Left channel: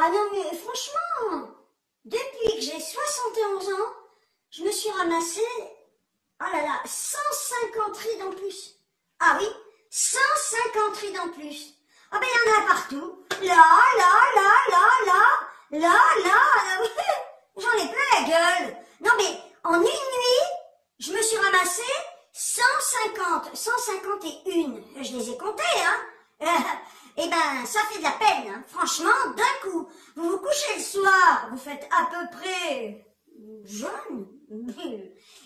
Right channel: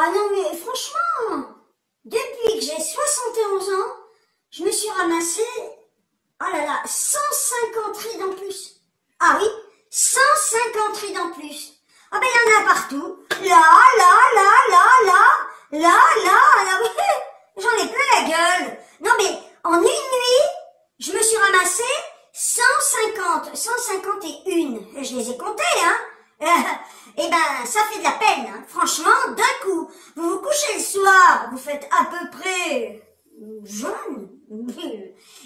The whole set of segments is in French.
Ah non, mais franchement, depuis que j'ai 71 ans, je me suis ramassé, oh là là, 150 rides en plus. Ah oui, 150 rides en plus. Ah ben il y en a partout. Là, j'en ai plein la gueule. Non mais, en une nuit, je me suis ramassé 151. Je les ai comptés, hein. Eh ben, ça fait de la peine, hein. Franchement, d'un coup, vous vous couchez le soir, vous faites à peu près jaune. Vous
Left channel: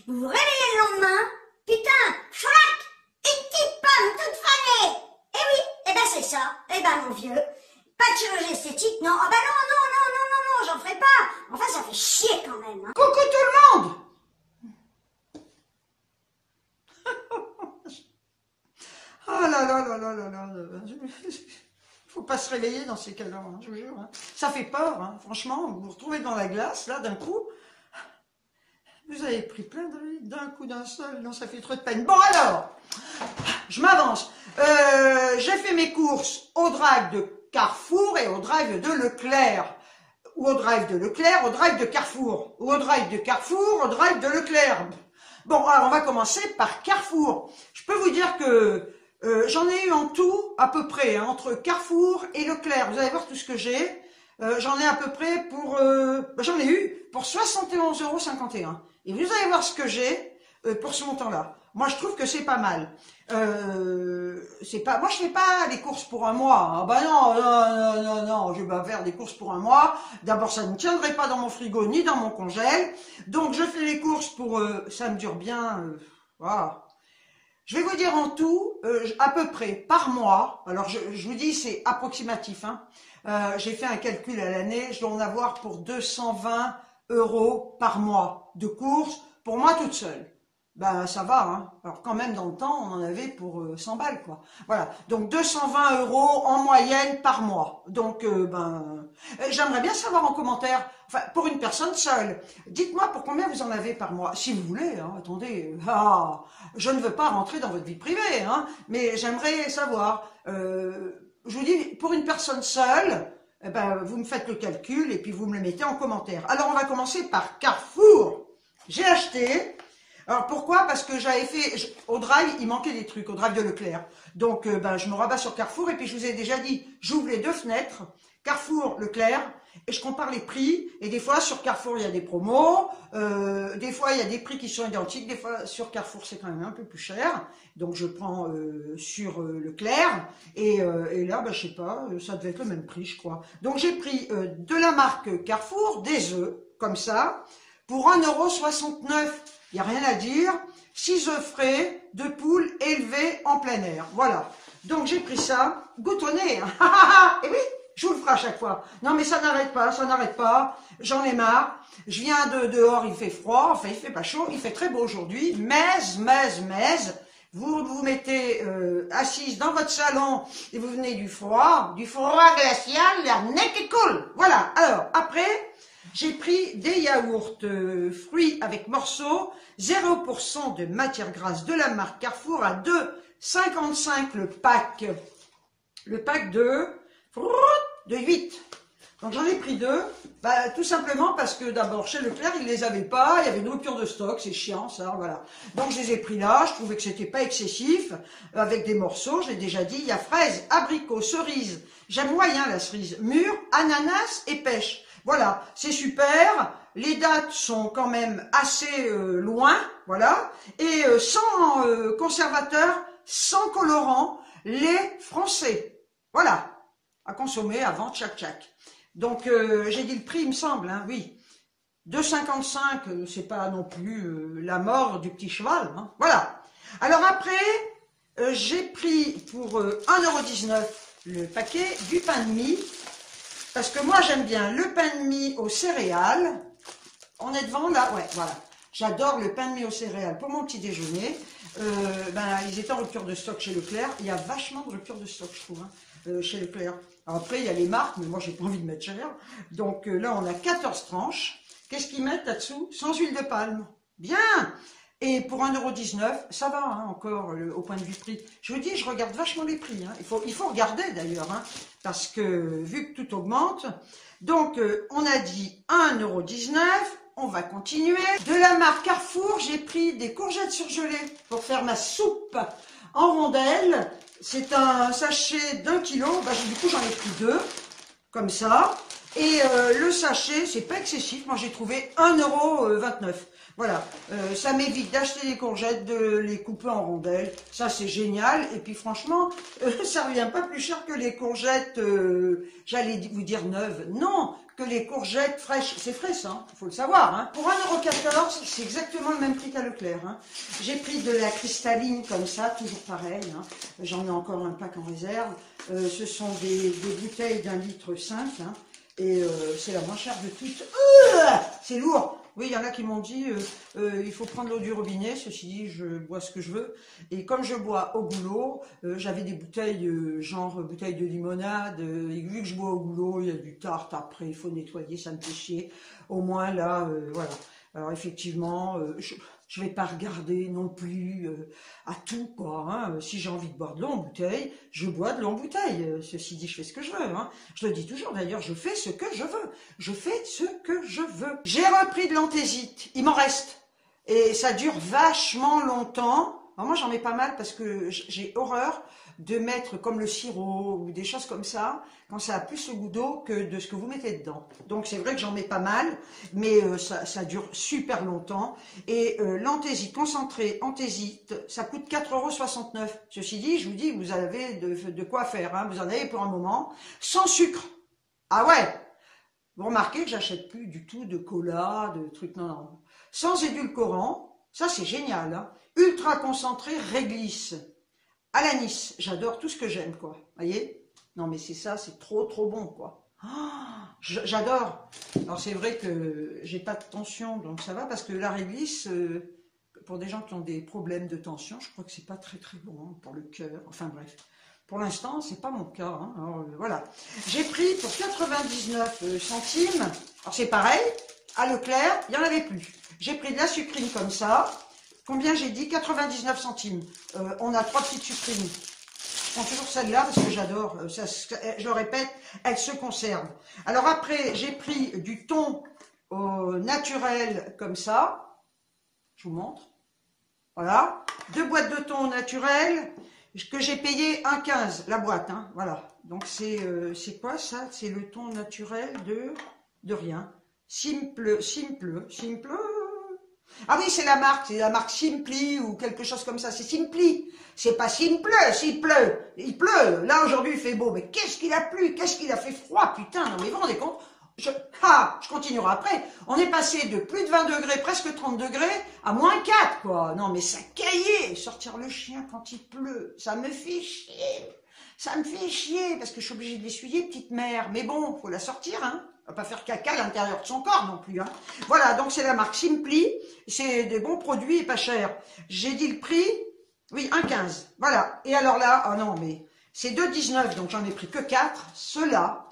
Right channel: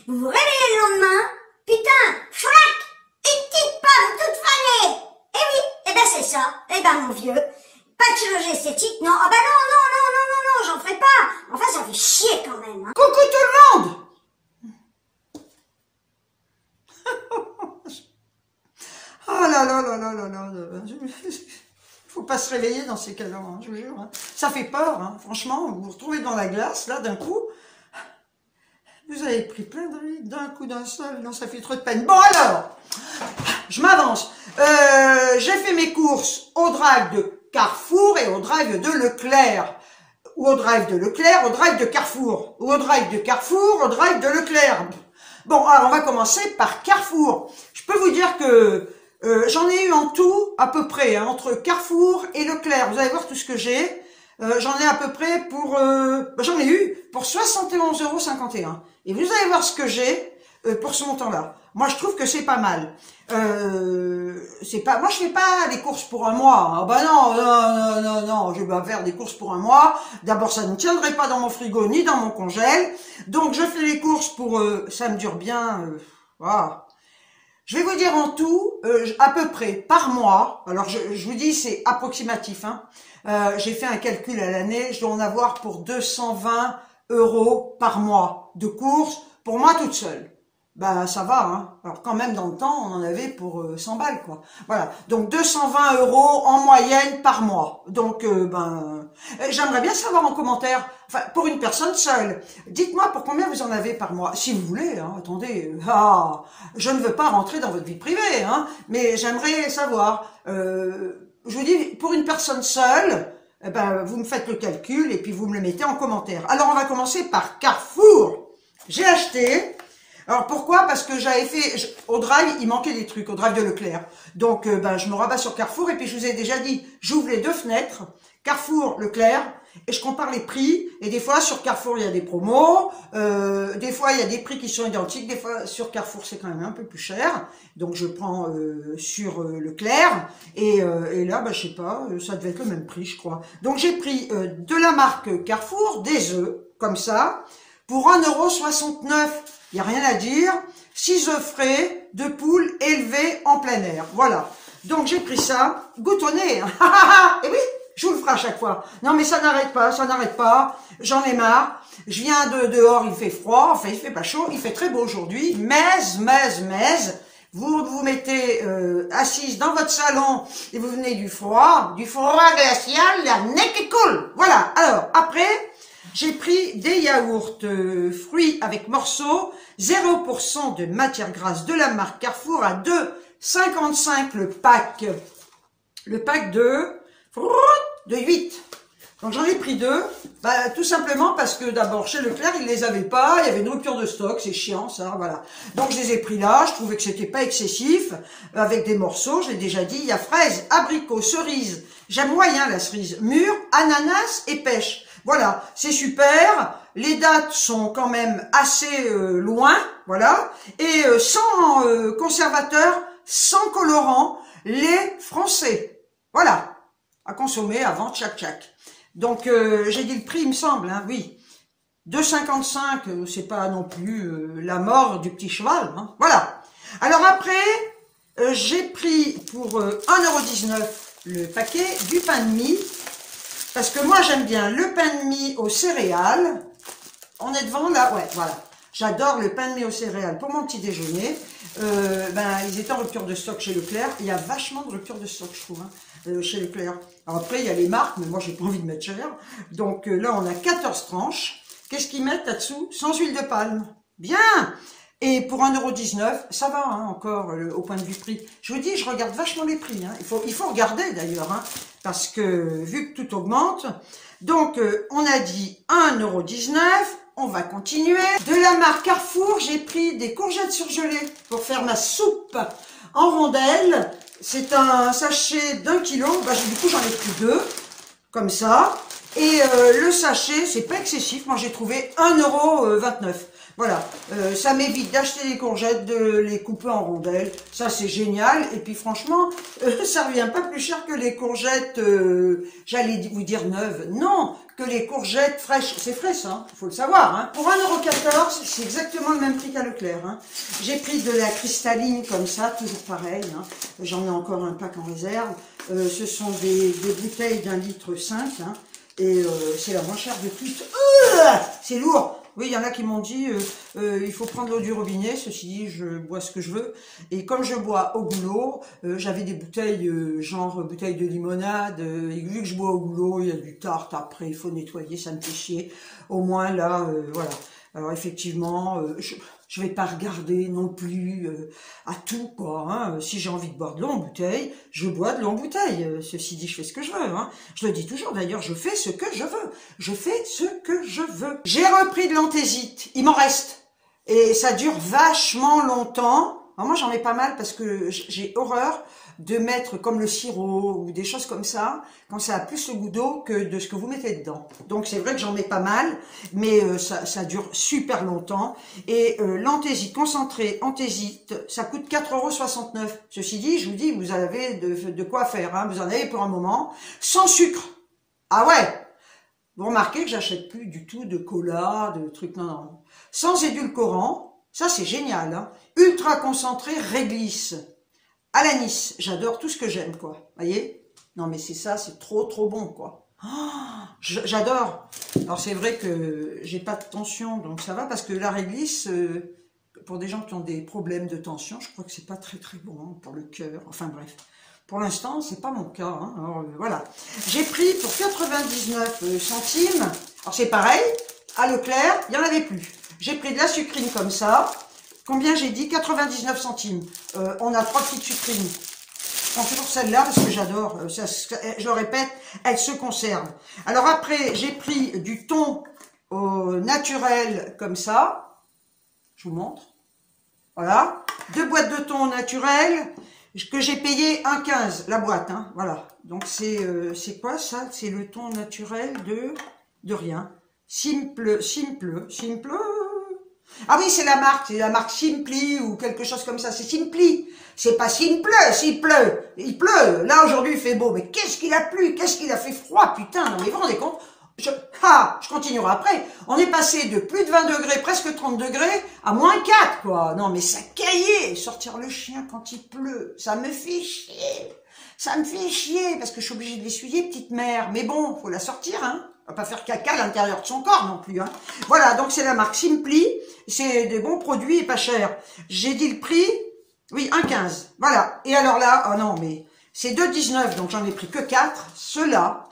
vous réveillez le lendemain, putain, chlac, une petite pomme toute fanée. Eh oui, eh ben c'est ça. Eh ben mon vieux, pas de chirurgie esthétique, non. Ah ben non, j'en ferai pas. Enfin, ça fait chier quand même, hein. Coucou tout le monde. Oh là. Faut pas se réveiller dans ces cas-là, hein, je vous jure. Hein. Ça fait peur, hein. Franchement, vous vous retrouvez dans la glace, là, d'un coup. Vous avez pris plein de rides d'un coup, d'un seul. Non, ça fait trop de peine. Bon, alors, je m'avance. J'ai fait mes courses au drive de Carrefour et au drive de Leclerc. Ou au drive de Leclerc, au drive de Carrefour. Ou au drive de Carrefour, au drive de Leclerc. Bon, alors, on va commencer par Carrefour. Je peux vous dire que j'en ai eu en tout, à peu près, hein, entre Carrefour et Leclerc. Vous allez voir tout ce que j'ai. J'en ai à peu près pour... j'en ai eu pour 71,51 €. Et vous allez voir ce que j'ai pour ce montant-là. Moi, je trouve que c'est pas mal. Moi, je fais pas les courses pour un mois. Ah bah non, je vais pas faire des courses pour un mois. D'abord, ça ne tiendrait pas dans mon frigo ni dans mon congèle. Donc, je fais les courses pour... ça me dure bien... voilà. Je vais vous dire en tout, à peu près par mois, alors je vous dis c'est approximatif, hein. J'ai fait un calcul à l'année, je dois en avoir pour 220 € par mois de courses, pour moi toute seule. Ben ça va, hein. Alors quand même dans le temps, on en avait pour 100 balles, quoi. Voilà, donc 220 € en moyenne par mois. Donc j'aimerais bien savoir en commentaire, enfin pour une personne seule, dites-moi pour combien vous en avez par mois, si vous voulez, hein. Attendez, je ne veux pas rentrer dans votre vie privée, hein, mais j'aimerais savoir, je vous dis, pour une personne seule, vous me faites le calcul et puis vous me le mettez en commentaire. Alors on va commencer par Carrefour. J'ai acheté... Alors pourquoi? Parce que j'avais fait, au drive, il manquait des trucs, au drive de Leclerc. Donc je me rabats sur Carrefour et puis je vous ai déjà dit, j'ouvre les deux fenêtres, Carrefour, Leclerc, et je compare les prix. Et des fois sur Carrefour il y a des promos, des fois il y a des prix qui sont identiques, des fois sur Carrefour c'est quand même un peu plus cher. Donc je prends sur Leclerc et là je sais pas, ça devait être le même prix je crois. Donc j'ai pris de la marque Carrefour des œufs, comme ça, pour 1,69 €. Il n'y a rien à dire, 6 œufs frais de poule élevés en plein air. Voilà. Donc j'ai pris ça, goutonnez. Et oui, je vous le ferai à chaque fois. Non mais ça n'arrête pas. J'en ai marre. Je viens de dehors, il fait froid, enfin il fait pas chaud, il fait très beau aujourd'hui. Mais, vous vous mettez assise dans votre salon et vous venez du froid glacial, la nez qui coule. Voilà. Alors après... J'ai pris des yaourts fruits avec morceaux, 0% de matière grasse de la marque Carrefour à 2,55 € le pack. Le pack de 8. Donc j'en ai pris 2, tout simplement parce que d'abord chez Leclerc ils les avaient pas, il y avait une rupture de stock, c'est chiant ça, voilà. Donc je les ai pris là, je trouvais que c'était pas excessif, avec des morceaux, je l'ai déjà dit, il y a fraises, abricots, cerises, j'aime moyen la cerise, mûre, ananas et pêche. Voilà, c'est super, les dates sont quand même assez loin, voilà, et sans conservateur, sans colorant, lait français. Voilà, à consommer avant, tchac. Donc j'ai dit le prix, il me semble, hein, oui. 2,55 €, c'est pas non plus la mort du petit cheval, hein. Voilà. Alors après, j'ai pris pour 1,19 € le paquet du pain de mie. Parce que moi, j'aime bien le pain de mie aux céréales. On est devant là, ouais, voilà. J'adore le pain de mie aux céréales pour mon petit déjeuner. Ils étaient en rupture de stock chez Leclerc. Il y a vachement de rupture de stock, je trouve, hein, chez Leclerc. Alors après, il y a les marques, mais moi, j'ai pas envie de mettre cher. Donc là, on a 14 tranches. Qu'est-ce qu'ils mettent là-dessous? Sans huile de palme. Bien! Et pour 1,19 €, ça va hein, encore au point de vue prix. Je vous dis, je regarde vachement les prix. Hein. Il faut regarder d'ailleurs, hein, parce que vu que tout augmente. Donc, on a dit 1,19 €. On va continuer. De la marque Carrefour, j'ai pris des courgettes surgelées pour faire ma soupe en rondelles. C'est un sachet d'1 kg. Bah, du coup, j'en ai pris 2, comme ça. Et le sachet, c'est pas excessif. Moi, j'ai trouvé 1,29 €. Voilà, ça m'évite d'acheter des courgettes, de les couper en rondelles. Ça, c'est génial. Et puis, franchement, ça revient pas plus cher que les courgettes, j'allais vous dire neuves. Non, que les courgettes fraîches. C'est frais, ça, il faut le savoir. Hein. Pour 1,14 €, c'est exactement le même prix qu'à Leclerc. Hein. J'ai pris de la cristalline comme ça, toujours pareil. Hein. J'en ai encore un pack en réserve. Ce sont des bouteilles d'1,5 litre. Hein. Et c'est la moins chère de toutes. C'est lourd. Oui, il y en a qui m'ont dit il faut prendre l'eau du robinet. Ceci dit, je bois ce que je veux. Et comme je bois au goulot, j'avais des bouteilles, genre bouteilles de limonade. Et vu que je bois au goulot, il y a du tarte après, il faut nettoyer, ça me fait chier. Au moins là, voilà. Alors effectivement, je vais pas regarder non plus à tout, quoi. Hein. Si j'ai envie de boire de l'eau en bouteille, je bois de l'eau en bouteille. Ceci dit, je fais ce que je veux. Hein. Je le dis toujours, d'ailleurs, je fais ce que je veux. Je fais ce que je veux. J'ai repris de l'anthésite. Il m'en reste. Et ça dure vachement longtemps. Alors moi, j'en ai pas mal parce que j'ai horreur de mettre comme le sirop ou des choses comme ça, quand ça a plus le goût d'eau que de ce que vous mettez dedans. Donc c'est vrai que j'en mets pas mal, mais ça dure super longtemps. Et l'anthésite, concentré anthésite, ça coûte 4,69 €. Ceci dit, je vous dis, vous avez de quoi faire, hein, vous en avez pour un moment. Sans sucre. Ah ouais. Vous remarquez que j'achète plus du tout de cola, de trucs, non, non. Sans édulcorant, ça c'est génial. Hein. Ultra concentré, réglisse. À l'anis, j'adore tout ce que j'aime, quoi. Voyez? Non, mais c'est ça, c'est trop, trop bon, quoi. Oh, j'adore. Alors, c'est vrai que j'ai pas de tension, donc ça va, parce que la réglisse, pour des gens qui ont des problèmes de tension, je crois que c'est pas très, très bon pour le cœur. Enfin, bref. Pour l'instant, c'est pas mon cas. Hein. Alors, voilà. J'ai pris pour 99 centimes. Alors, c'est pareil. À Leclerc, il n'y en avait plus. J'ai pris de la sucrine comme ça. Combien j'ai dit? 99 centimes. On a 3 petites sucrines. Je prends toujours celle-là parce que j'adore. Je le répète, elle se conserve. Alors après, j'ai pris du thon naturel comme ça. Je vous montre. Voilà. 2 boîtes de thon naturel que j'ai payé 1,15 la boîte. Hein. Voilà. Donc c'est quoi ça? C'est le thon naturel de rien. Simple. Ah oui, c'est la marque Simply ou quelque chose comme ça. C'est Simply. C'est pas Simple. Il pleut. Là, aujourd'hui, il fait beau. Mais qu'est-ce qu'il a plu? Qu'est-ce qu'il a fait froid? Putain, non, mais vous vous rendez compte? Je continuerai après. On est passé de plus de 20 degrés, presque 30 degrés, à moins 4, quoi. Non, mais ça caillait. Sortir le chien quand il pleut, ça me fait chier. Ça me fait chier, parce que je suis obligée de l'essuyer, petite mère. Mais bon, faut la sortir, hein. On va pas faire caca à l'intérieur de son corps non plus. Hein. Voilà, donc c'est la marque Simply. C'est des bons produits et pas cher. J'ai dit le prix, oui, 1,15. Voilà. Et alors là, oh non, mais c'est 2,19, donc j'en ai pris que 4. Ceux-là,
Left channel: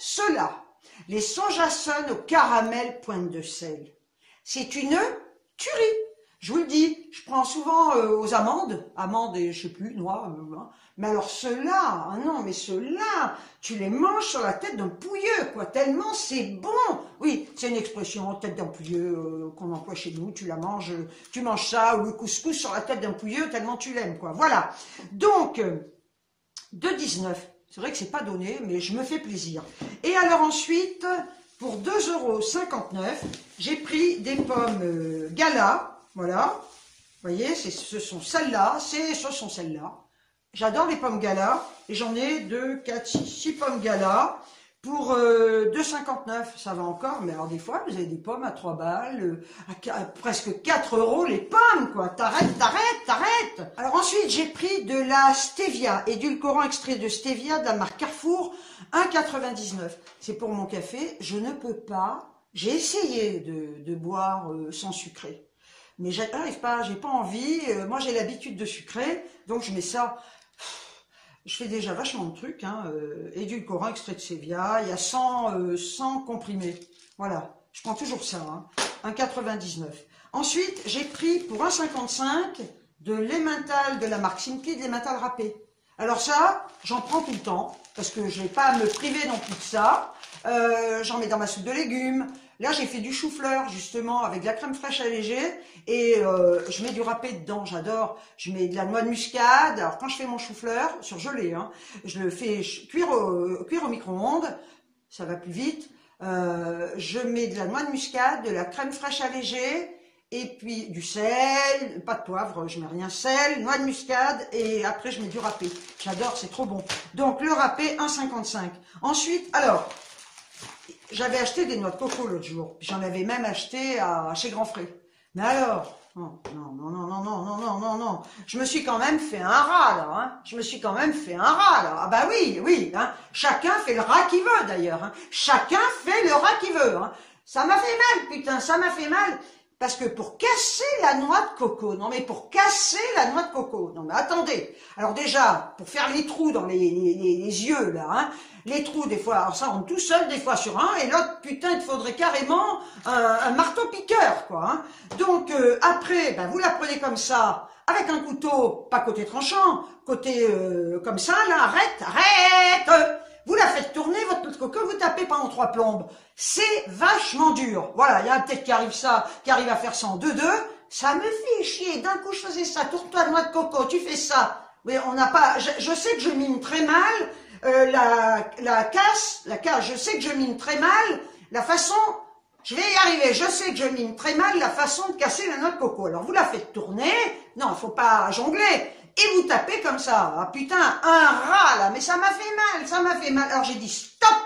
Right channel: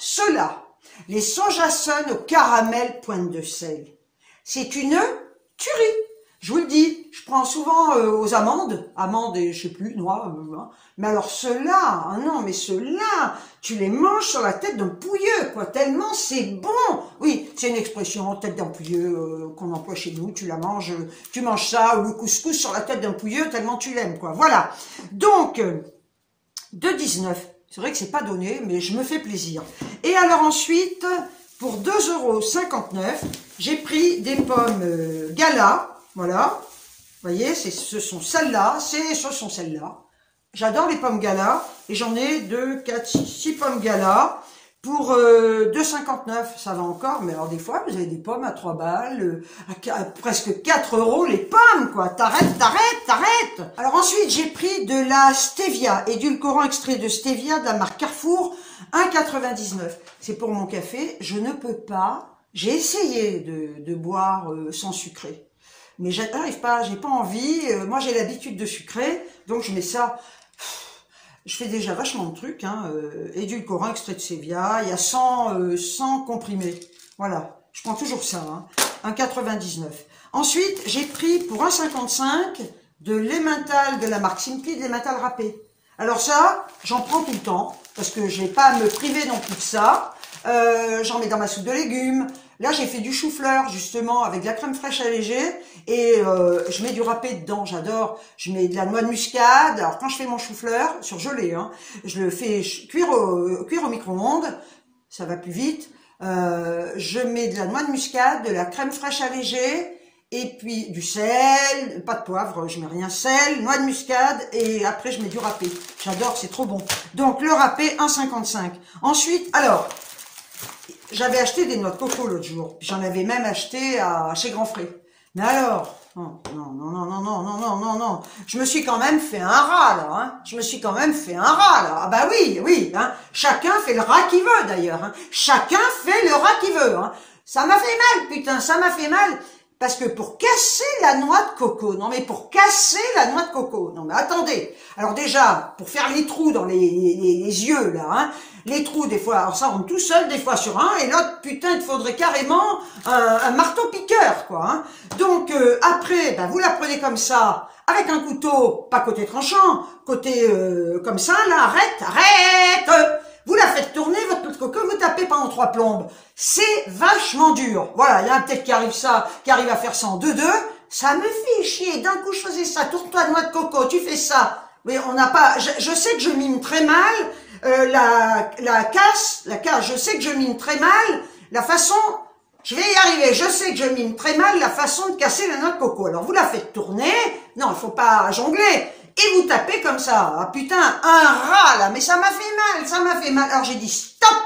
les Sojasun au caramel pointe de sel. C'est une tuerie. Je vous le dis, je prends souvent aux amandes et je sais plus, noix, mais alors ceux-là, ah non, mais ceux-là, tu les manges sur la tête d'un pouilleux, quoi, tellement c'est bon. Oui, c'est une expression, tête d'un pouilleux, qu'on emploie chez nous, tu manges ça, ou le couscous sur la tête d'un pouilleux, tellement tu l'aimes, quoi, voilà. Donc, 2,19, c'est vrai que c'est pas donné, mais je me fais plaisir. Et alors ensuite, pour 2,59 €, j'ai pris des pommes Gala. Voilà, vous voyez, ce sont celles-là. J'adore les pommes Gala et j'en ai 2, 4, 6 pommes Gala pour 2,59 €. Ça va encore, mais alors des fois, vous avez des pommes à 3 balles, à presque 4 € les pommes, quoi. T'arrêtes. Alors ensuite, j'ai pris de la stevia, édulcorant extrait de stevia de la marque Carrefour, 1,99 €. C'est pour mon café, je ne peux pas. J'ai essayé de boire sans sucré. Mais j'arrive pas, j'ai pas envie. Moi, j'ai l'habitude de sucrer, donc je mets ça. Je fais déjà vachement de trucs. Hein, édulcorant, extrait de stevia. Il y a 100 comprimés. Voilà, je prends toujours ça. Hein, 1,99 €. Ensuite, j'ai pris pour 1,55 de l'emmental de la marque Simply, de l'emmental râpé. Alors ça, j'en prends tout le temps, parce que je n'ai pas à me priver non plus de ça. J'en mets dans ma soupe de légumes. Là, j'ai fait du chou-fleur, justement, avec de la crème fraîche allégée. Et je mets du râpé dedans, j'adore. Je mets de la noix de muscade. Alors, quand je fais mon chou-fleur, surgelé, hein, je le fais cuire au micro-ondes. Ça va plus vite. Je mets de la noix de muscade, de la crème fraîche allégée. Et puis du sel, pas de poivre, je mets rien, sel, noix de muscade, et après je mets du râpé. J'adore, c'est trop bon. Donc le râpé, 1,55. Ensuite, alors, j'avais acheté des noix de coco l'autre jour. J'en avais même acheté chez Grand Frais. Mais alors, non, non, non, non, non, non, non, non, non. Je me suis quand même fait un rat, là. Hein. Je me suis quand même fait un rat, là. Ah bah oui, oui. Hein. Chacun fait le rat qu'il veut, d'ailleurs. Hein. Chacun fait le rat qu'il veut. Hein. Ça m'a fait mal, putain, ça m'a fait mal. Parce que pour casser la noix de coco, non mais pour casser la noix de coco, non mais attendez, alors déjà, pour faire les trous dans les yeux là, hein, les trous des fois, alors ça rentre tout seul des fois sur un, et l'autre, putain, il faudrait carrément un marteau piqueur, quoi. Hein. Donc après, ben, vous la prenez comme ça, avec un couteau, pas côté tranchant, côté comme ça, là, arrête, vous la faites tourner, votre noix de coco, vous tapez pendant 3 plombes. C'est vachement dur. Voilà, il y a un tête qui arrive à faire ça en 2-2. Ça me fait chier. D'un coup, je faisais ça. Tourne-toi de noix de coco, tu fais ça. Mais on n'a pas, je sais que je mime très mal, la casse, je sais que je mime très mal, la façon, je vais y arriver, je sais que je mime très mal la façon de casser la noix de coco. Alors, vous la faites tourner. Non, il faut pas jongler. Et vous tapez comme ça. Ah putain, un rat là, mais ça m'a fait mal, ça m'a fait mal. Alors j'ai dit stop,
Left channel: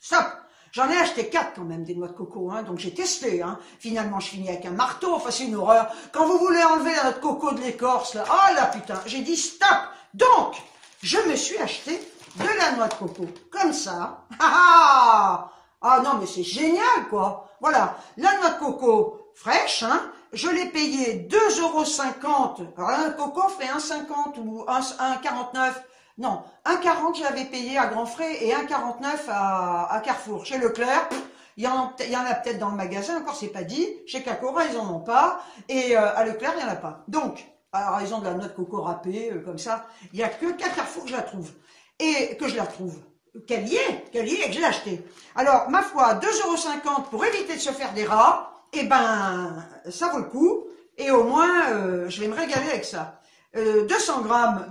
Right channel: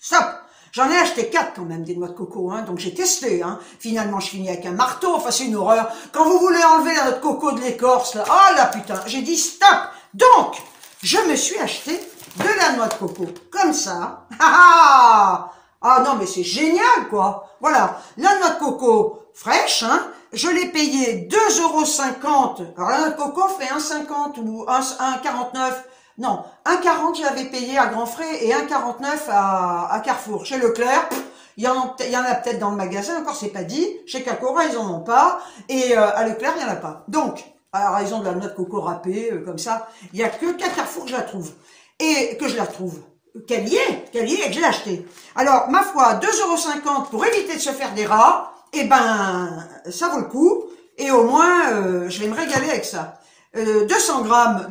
stop. J'en ai acheté 4 quand même des noix de coco, hein, donc j'ai testé. Hein. Finalement, je finis avec un marteau, enfin c'est une horreur. Quand vous voulez enlever la noix de coco de l'écorce, là, oh là putain, j'ai dit stop. Donc, je me suis acheté de la noix de coco, comme ça. Ah non mais c'est génial quoi. Voilà, la noix de coco fraîche, hein. Je l'ai payé 2,50 €. Alors la noix de coco fait 1,50 ou 1,49. Non, 1,40 j'avais payé à Grand Frais et 1,49 à Carrefour. Chez Leclerc, il y en a peut-être dans le magasin, encore c'est pas dit. Chez Cacora, ils en ont pas. Et à Leclerc, il n'y en a pas. Donc, à raison de la noix de coco râpée, comme ça, il n'y a que qu'à Carrefour que je la trouve. Et que je la trouve. Qu'elle y est et que je l'ai achetée. Alors, ma foi, 2,50 € pour éviter de se faire des rats, eh ben, ça vaut le coup. Et au moins, je vais me régaler avec ça. 200 grammes,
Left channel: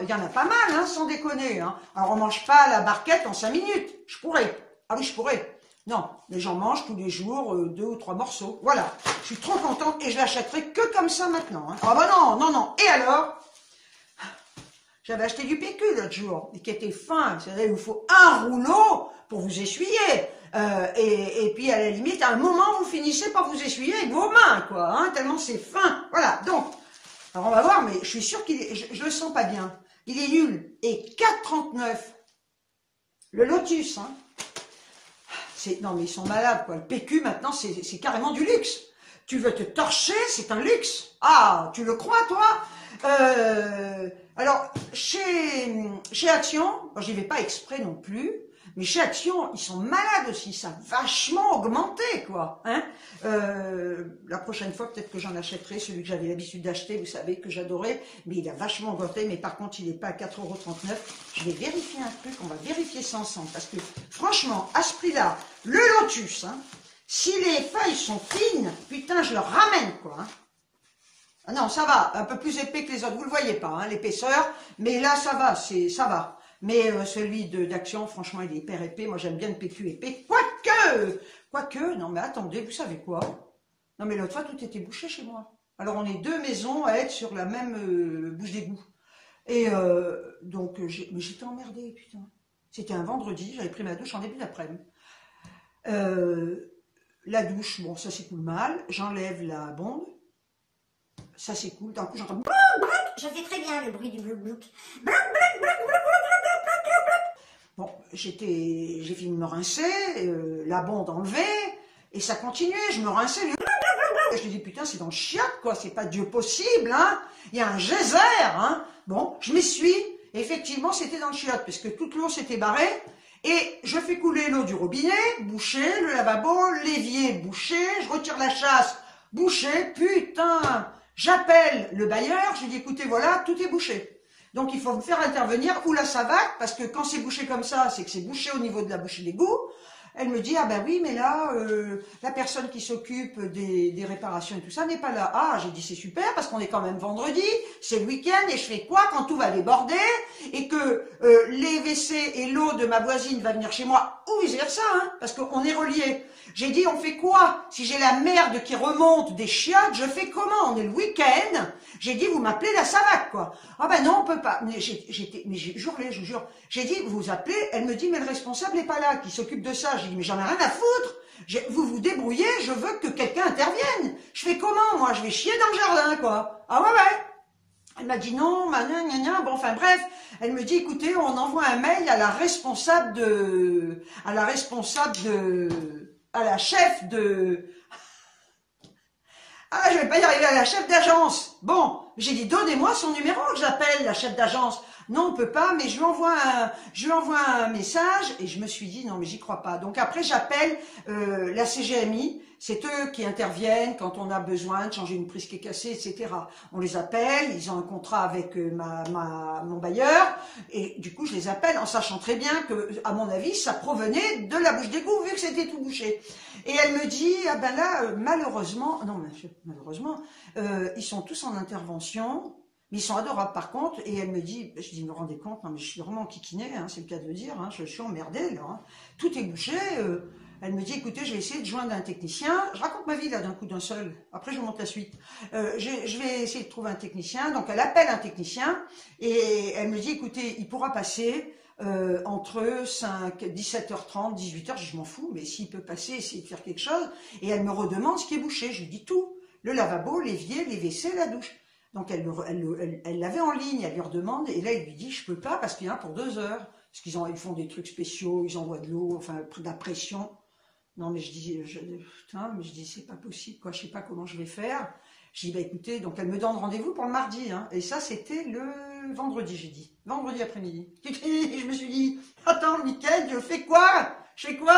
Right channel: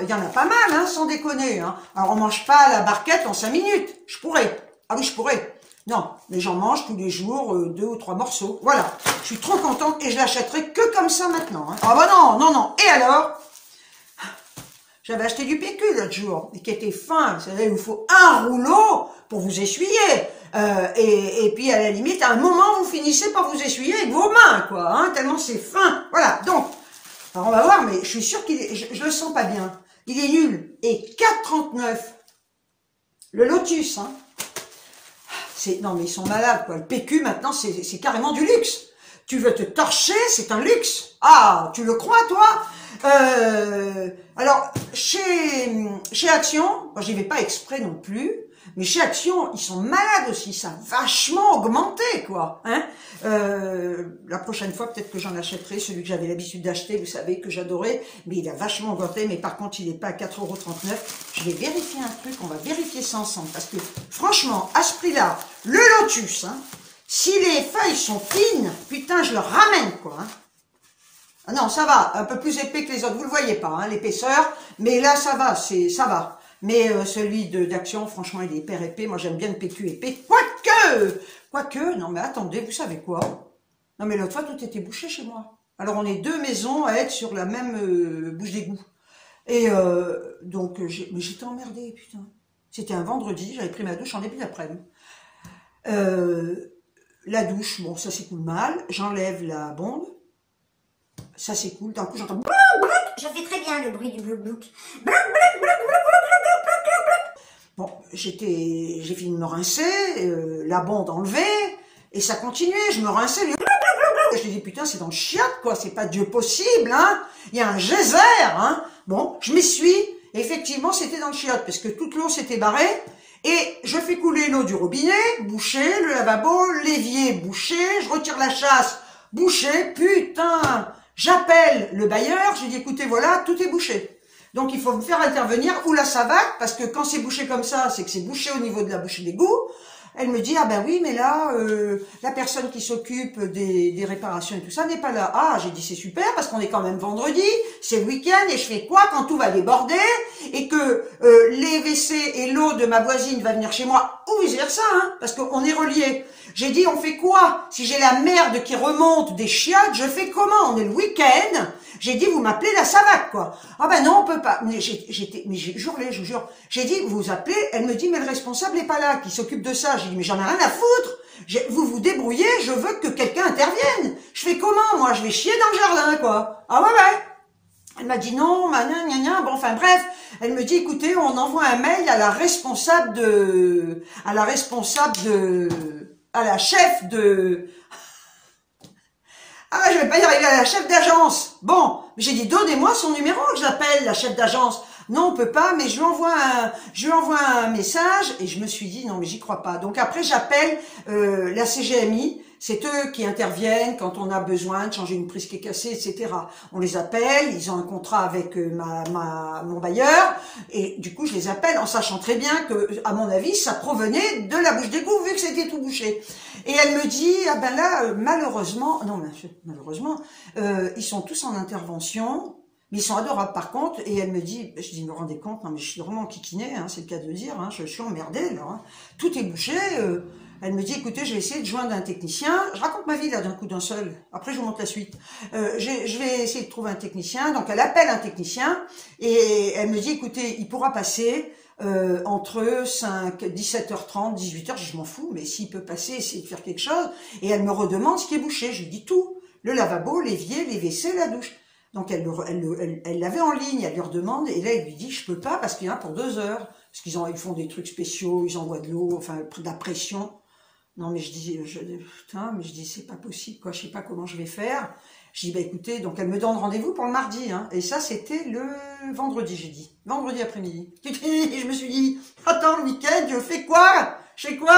il y en a pas mal, hein, sans déconner. Hein. Alors, on mange pas la barquette en 5 minutes. Je pourrais. Ah oui, je pourrais. Non, les gens mangent tous les jours 2 ou 3 morceaux. Voilà. Je suis trop contente et je l'achèterai que comme ça maintenant. Hein. Ah bah non, non, non. Et alors, j'avais acheté du PQ l'autre jour, et qui était fin. Vous savez, il vous faut un rouleau pour vous essuyer. Et puis, à la limite, à un moment, vous finissez par vous essuyer avec vos mains, quoi. Hein, tellement c'est fin. Voilà. Donc, alors on va voir, mais je suis sûre je le sens pas bien. Il est nul. Et 4,39. Le Lotus, hein. Non, mais ils sont malades, quoi. Le PQ, maintenant, c'est carrément du luxe. Tu veux te torcher, c'est un luxe. Ah, tu le crois, toi? Alors, chez Action, j'y vais pas exprès non plus, mais chez Action, ils sont malades aussi, ça a vachement augmenté, quoi. Hein, la prochaine fois, peut-être que j'en achèterai, celui que j'avais l'habitude d'acheter, vous savez, que j'adorais, mais il a vachement augmenté, mais par contre, il n'est pas à 4,39 €. Je vais vérifier un truc, on va vérifier ça ensemble, parce que, franchement, à ce prix-là, le Lotus, hein, si les feuilles sont fines, putain, je le ramène, quoi. Hein. Ah non, ça va, un peu plus épais que les autres, vous le voyez pas, hein, l'épaisseur, mais là, ça va, ça va. Mais celui d'Action, franchement, il est hyper épais. Moi, j'aime bien le PQ épais. Quoique, non, mais attendez, vous savez quoi? Non, mais l'autre fois, tout était bouché chez moi. Alors, on est 2 maisons à être sur la même bouche d'égout. Et donc, mais j'étais emmerdée, putain. C'était un vendredi, j'avais pris ma douche en début d'après-midi. La douche, bon, ça s'écoule mal. J'enlève la bombe. Ça s'écoule. D'un coup, j'entends... Je fais très bien le bruit du blouk-blouk. Bon, j'ai fini de me rincer, la bonde enlevée, et ça continuait, je me rinçais, je me dis putain c'est dans le chiotte quoi, c'est pas Dieu possible, hein, il y a un geyser, hein, bon, je m'y suis, effectivement c'était dans le chiotte, parce que toute l'eau s'était barrée, et je fais couler l'eau du robinet, bouché, le lavabo, l'évier bouché, je retire la chasse, bouché, putain. J'appelle le bailleur, je lui dis, écoutez, voilà, tout est bouché. Donc, il faut me faire intervenir ou la savate, parce que quand c'est bouché comme ça, c'est que c'est bouché au niveau de la bouche d'égout. Elle me dit, ah ben oui, mais là, la personne qui s'occupe des réparations et tout ça n'est pas là. Ah, j'ai dit, c'est super, parce qu'on est quand même vendredi, c'est le week-end, et je fais quoi quand tout va déborder, et que les WC et l'eau de ma voisine va venir chez moi, ou vice-versa, hein, parce qu'on est reliés. J'ai dit, on fait quoi? Si j'ai la merde qui remonte des chiottes, je fais comment? On est le week-end. J'ai dit, vous m'appelez la savate, quoi. Ah ben non, on peut pas. Mais j'ai hurlé, je vous jure. J'ai dit, vous appelez. Elle me dit, mais le responsable n'est pas là, qui s'occupe de ça. J'ai dit, mais j'en ai rien à foutre. Vous vous débrouillez, je veux que quelqu'un intervienne. Je fais comment, moi? Je vais chier dans le jardin, quoi. Ah ouais. Elle m'a dit non, bon, enfin bref. Elle me dit, écoutez, on envoie un mail à la chef de... Ah, je vais pas y arriver, à la chef d'agence. Bon, j'ai dit, donnez-moi son numéro, que j'appelle la chef d'agence. Non, on peut pas, mais je lui envoie un message, et je me suis dit, non, mais j'y crois pas. Donc après, j'appelle la CGMI. C'est eux qui interviennent quand on a besoin de changer une prise qui est cassée, etc. On les appelle, ils ont un contrat avec mon bailleur, et du coup je les appelle en sachant très bien que, à mon avis, ça provenait de la bouche d'égout vu que c'était tout bouché. Et elle me dit, ah ben là, malheureusement, ils sont tous en intervention, mais ils sont adorables par contre, et elle me dit, je dis, vous vous rendez compte, non mais je suis vraiment kikiné, hein, c'est le cas de le dire, hein, je suis emmerdée, là, hein. Tout est bouché. Elle me dit, écoutez, je vais essayer de joindre un technicien. Je raconte ma vie là d'un coup d'un seul. Après, je vous montre la suite. Je vais essayer de trouver un technicien. Donc, elle appelle un technicien et elle me dit, écoutez, il pourra passer entre 17h30, 18h. Je m'en fous, mais s'il peut passer, essayer de faire quelque chose. Et elle me redemande ce qui est bouché. Je lui dis tout. Le lavabo, l'évier, les WC, la douche. Donc, elle l'avait en ligne. Elle lui redemande. Et là, elle lui dit, je peux pas parce qu'il y en a pour 2 heures. Parce ils font des trucs spéciaux, ils envoient de l'eau, enfin, de la pression. Non, mais je dis, c'est pas possible, quoi, je sais pas comment je vais faire. Je dis, bah écoutez, donc elle me donne rendez-vous pour le mardi, hein. Et ça, c'était le vendredi, j'ai dit. Vendredi après-midi. Et je me suis dit, attends, le week-end, je fais quoi? Je fais quoi?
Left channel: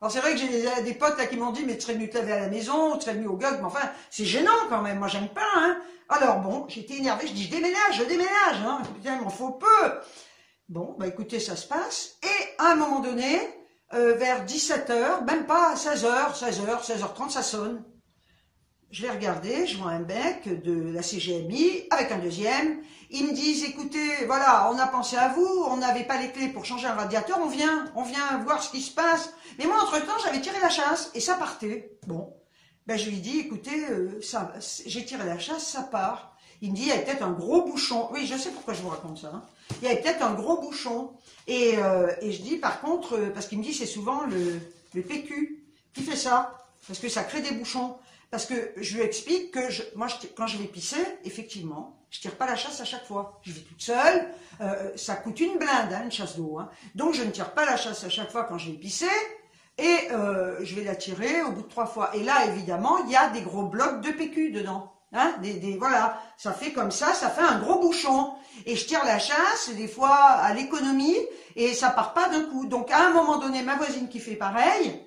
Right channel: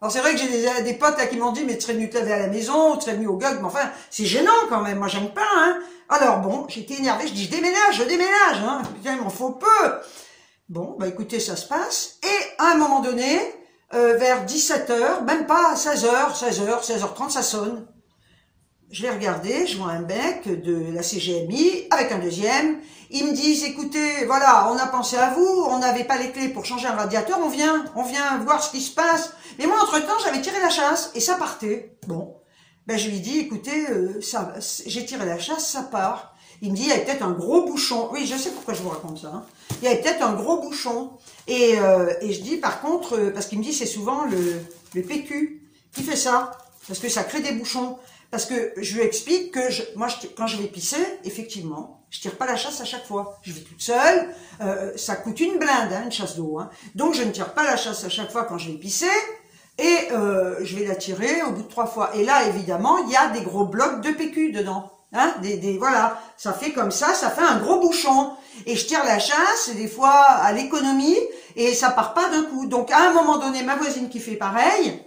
Alors c'est vrai que j'ai des potes là qui m'ont dit, mais tu serais venu te laver à la maison, tu serais venu au GOG, mais enfin, c'est gênant quand même, moi j'aime pas, hein. Alors bon, j'étais énervée, je dis, je déménage, hein. Putain, il m'en faut peu. Bon, bah écoutez, ça se passe. Et à un moment donné, vers 17h, même pas 16h30, ça sonne. Je vais regarder, je vois un mec de la CGMI avec un deuxième. Ils me disent, écoutez, voilà, on a pensé à vous, on n'avait pas les clés pour changer un radiateur, on vient voir ce qui se passe. Mais moi, entre-temps, j'avais tiré la chasse et ça partait. Bon, ben je lui dis, écoutez, j'ai tiré la chasse, ça part. Il me dit, il y avait peut-être un gros bouchon. Oui, je sais pourquoi je vous raconte ça. Hein. Il y avait peut-être un gros bouchon. Et je dis, par contre, parce qu'il me dit, c'est souvent le PQ qui fait ça. Parce que ça crée des bouchons. Parce que je lui explique que quand je vais pisser, effectivement, je tire pas la chasse à chaque fois. Je vais toute seule. Ça coûte une blinde, hein, une chasse d'eau. Hein. Donc, je ne tire pas la chasse à chaque fois quand je vais pisser. Et je vais la tirer au bout de 3 fois. Et là, évidemment, il y a des gros blocs de PQ dedans. Hein, voilà, ça fait comme ça fait un gros bouchon. Et je tire la chasse, des fois à l'économie, et ça part pas d'un coup. Donc à un moment donné, ma voisine qui fait pareil,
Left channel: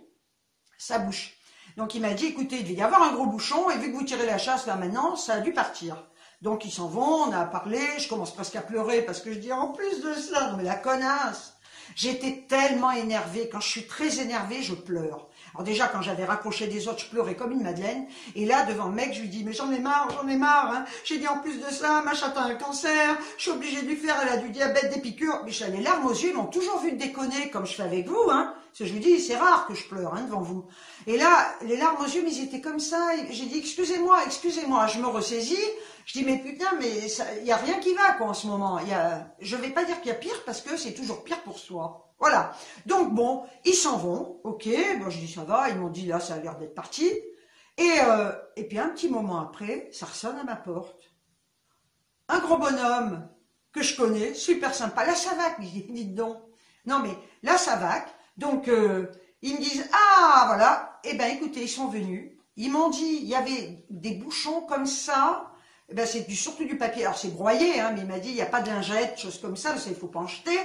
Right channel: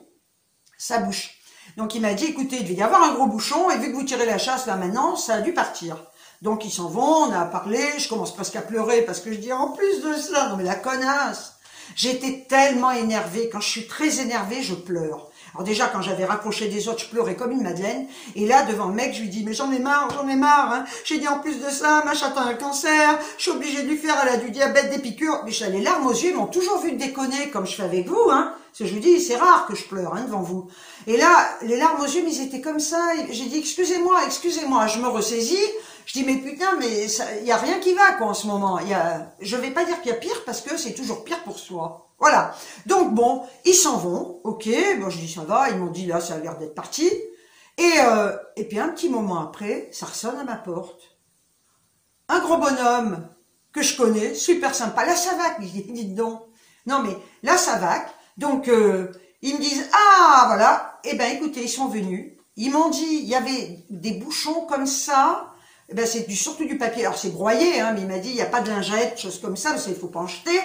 ça bouche. Donc il m'a dit, écoutez, il devait y avoir un gros bouchon, et vu que vous tirez la chasse là maintenant, ça a dû partir. Donc ils s'en vont, on a parlé, je commence presque à pleurer, parce que je dis, en plus de cela, non mais la connasse. J'étais tellement énervée, quand je suis très énervée, je pleure. Alors déjà, quand j'avais raccroché des autres, je pleurais comme une madeleine. Et là, devant le mec, je lui dis, mais j'en ai marre. Hein. J'ai dit, en plus de ça, ma chatte a un cancer. Je suis obligée de lui faire, elle a du diabète, des piqûres. Mais les larmes aux yeux, ils m'ont toujours vu déconner, comme je fais avec vous. Hein. Parce que je vous dis, c'est rare que je pleure hein, devant vous. Et là, les larmes aux yeux, mais ils étaient comme ça. J'ai dit, excusez-moi. Je me ressaisis. Je dis, mais putain, mais il n'y a rien qui va, quoi, en ce moment. Je vais pas dire qu'il y a pire, parce que c'est toujours pire pour soi. Voilà. Donc bon, ils s'en vont. Ok, bon, je dis ça va. Ils m'ont dit là, ça a l'air d'être parti. Et puis un petit moment après, ça ressonne à ma porte. Un gros bonhomme que je connais, super sympa. La Savac, dites donc. Non mais la Savac. Donc ils me disent ah voilà. Eh ben écoutez, ils sont venus. Ils m'ont dit il y avait des bouchons comme ça. Eh ben, c'est surtout du papier. Alors, c'est broyé, hein, mais il m'a dit, il n'y a pas de lingette, choses comme ça, parce qu'il ne faut pas en jeter.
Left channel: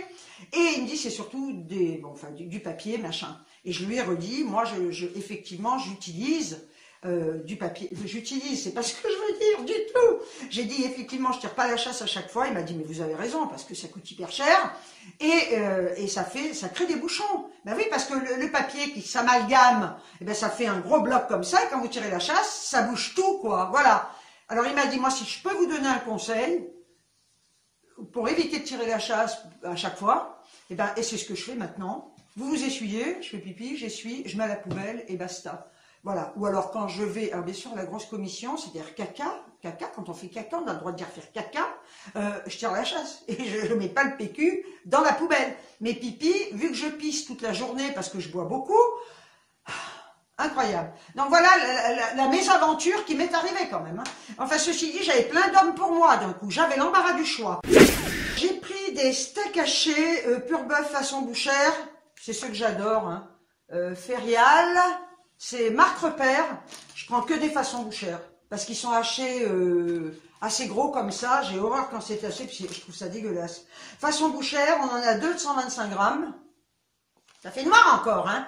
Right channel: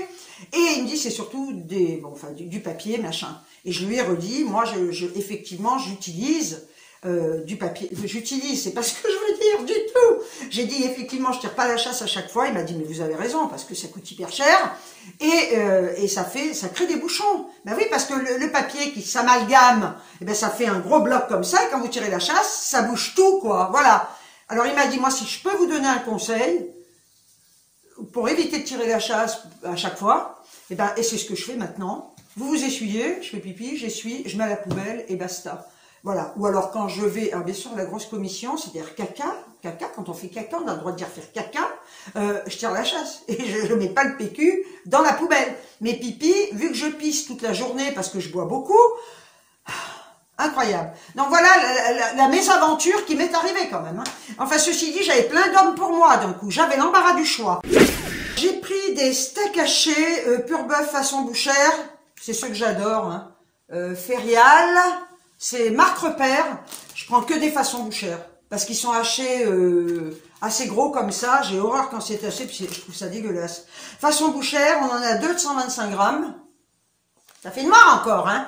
Et il me dit, c'est surtout du papier, machin. Et je lui ai redit, moi, effectivement, j'utilise du papier que j'utilise, c'est pas ce que je veux dire du tout. J'ai dit effectivement je tire pas la chasse à chaque fois, il m'a dit mais vous avez raison parce que ça coûte hyper cher et ça crée des bouchons. Ben oui, parce que le papier qui s'amalgame, eh ben ça fait un gros bloc comme ça, et quand vous tirez la chasse, ça bouge tout quoi, voilà. Alors il m'a dit moi si je peux vous donner un conseil pour éviter de tirer la chasse à chaque fois, et c'est ce que je fais maintenant. Vous vous essuyez, je fais pipi, j'essuie, je mets à la poubelle et basta. Voilà. Ou alors quand je vais, alors bien sûr la grosse commission, c'est-à-dire caca, quand on fait caca, on a le droit de dire faire caca, je tire la chasse et je ne mets pas le PQ dans la poubelle. Mais pipi, vu que je pisse toute la journée parce que je bois beaucoup, incroyable. Donc voilà la mésaventure qui m'est arrivée quand même. Hein. Enfin ceci dit, j'avais plein d'hommes pour moi d'un coup, j'avais l'embarras du choix. J'ai pris des steaks hachés pur bœuf façon bouchère, c'est ceux que j'adore, hein. Ferial. C'est marque repère, je prends que des façons bouchères, parce qu'ils sont hachés assez gros comme ça, j'ai horreur quand c'est haché, puis je trouve ça dégueulasse. Façon bouchère, on en a 225 grammes, ça fait une marre encore, hein,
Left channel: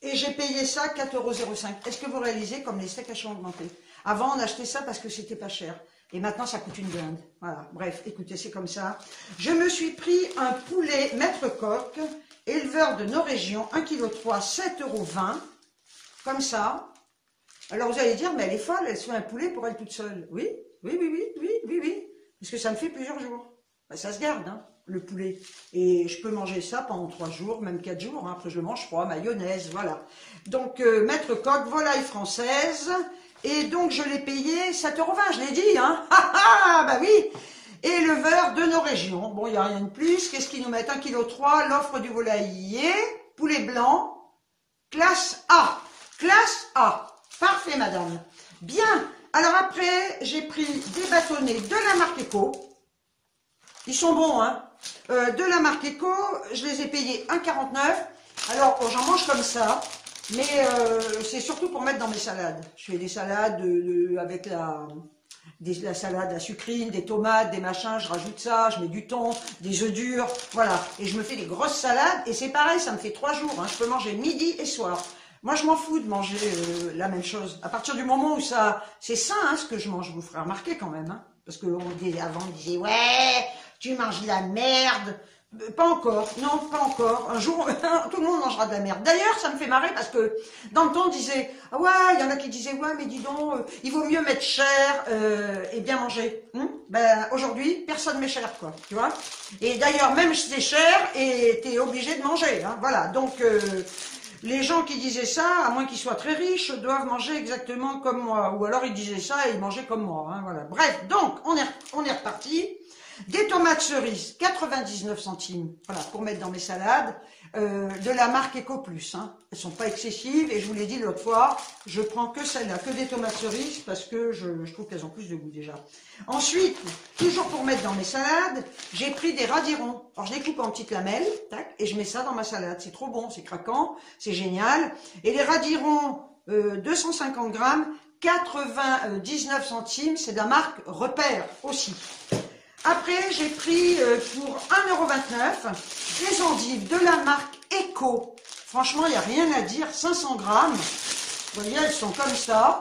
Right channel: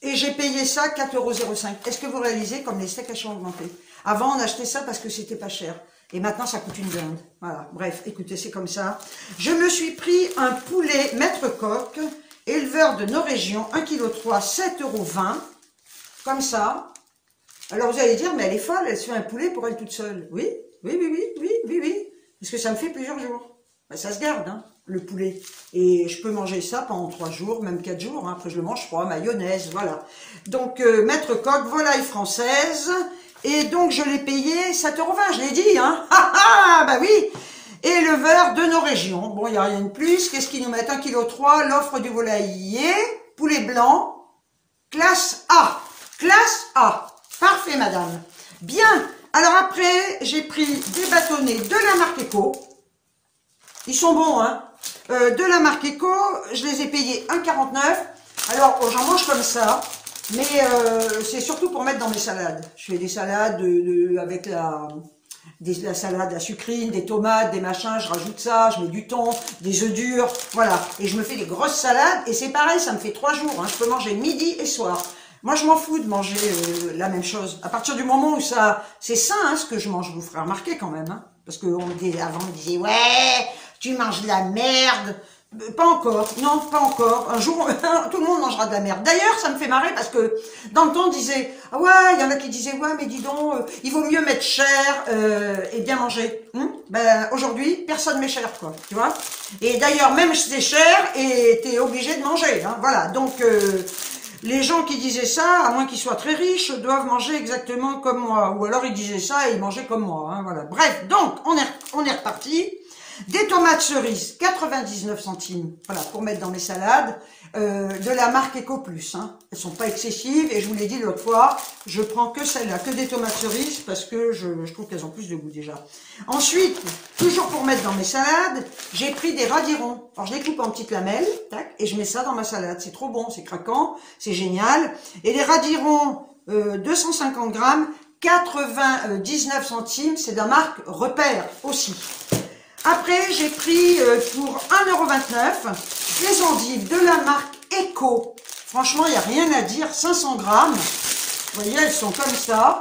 et j'ai payé ça 4,05 €. Est-ce que vous réalisez comme les steaks hachés ont augmenté? Avant, on achetait ça parce que c'était pas cher, et maintenant ça coûte une blinde. Voilà, bref, écoutez, c'est comme ça. Je me suis pris un poulet Maître Coq, éleveur de nos régions, 1,3 kg, 7,20 €. Comme ça. Alors vous allez dire, mais elle est folle, elle se fait un poulet pour elle toute seule. Oui. Parce que ça me fait plusieurs jours. Ben, ça se garde, hein, le poulet. Et je peux manger ça pendant 3 jours, même 4 jours. Hein. Après je le mange froid, mayonnaise, voilà. Donc Maître Coq, volaille française. Et donc je l'ai payé 7,20 €, je l'ai dit, hein. Bah oui. Éleveur de nos régions. Bon, il n'y a rien de plus. Qu'est-ce qu'ils nous mettent? 1,3 kg, l'offre du volailler, poulet blanc, classe A. Classe A. Parfait, madame. Bien. Alors après, j'ai pris des bâtonnets de la marque Eco. Ils sont bons, hein. De la marque Eco, je les ai payés 1,49 €. Alors, j'en mange comme ça. Mais c'est surtout pour mettre dans mes salades. Je fais des salades avec la salade à sucrine, des tomates, des machins, je rajoute ça, je mets du thon, des œufs durs, voilà. Et je me fais des grosses salades, et c'est pareil, ça me fait 3 jours. Hein. Je peux manger midi et soir. Moi, je m'en fous de manger la même chose. À partir du moment où c'est sain, hein, ce que je mange, je vous ferai remarquer quand même. Hein, parce qu'avant, on disait, ouais, tu manges de la merde. Pas encore, non, pas encore. Un jour, tout le monde mangera de la merde. D'ailleurs, ça me fait marrer parce que dans le temps, on disait, ah ouais, il y en a qui disaient, ouais, mais dis donc, il vaut mieux mettre cher et bien manger. Ben, aujourd'hui, personne met cher, quoi, tu vois. Et d'ailleurs, même si c'est cher, et t'es obligé de manger, hein, voilà. Donc, les gens qui disaient ça, à moins qu'ils soient très riches, doivent manger exactement comme moi. Ou alors, ils disaient ça et ils mangeaient comme moi, hein, voilà. Bref, donc, on est reparti. Des tomates cerises, 99 centimes, voilà, pour mettre dans mes salades, de la marque Eco Plus, hein. Elles sont pas excessives, et je vous l'ai dit l'autre fois, je prends que celle-là, que des tomates cerises, parce que je trouve qu'elles ont plus de goût déjà. Ensuite, toujours pour mettre dans mes salades, j'ai pris des radirons. Alors je les coupe en petites lamelles, tac, et je mets ça dans ma salade. C'est trop bon, c'est craquant, c'est génial. Et les radirons, 250 grammes, 99 centimes, c'est de la marque Repère aussi. Après, j'ai pris pour 1,29 € des endives de la marque Eco. Franchement, il n'y a rien à dire. 500 grammes. Vous voyez, elles sont comme ça.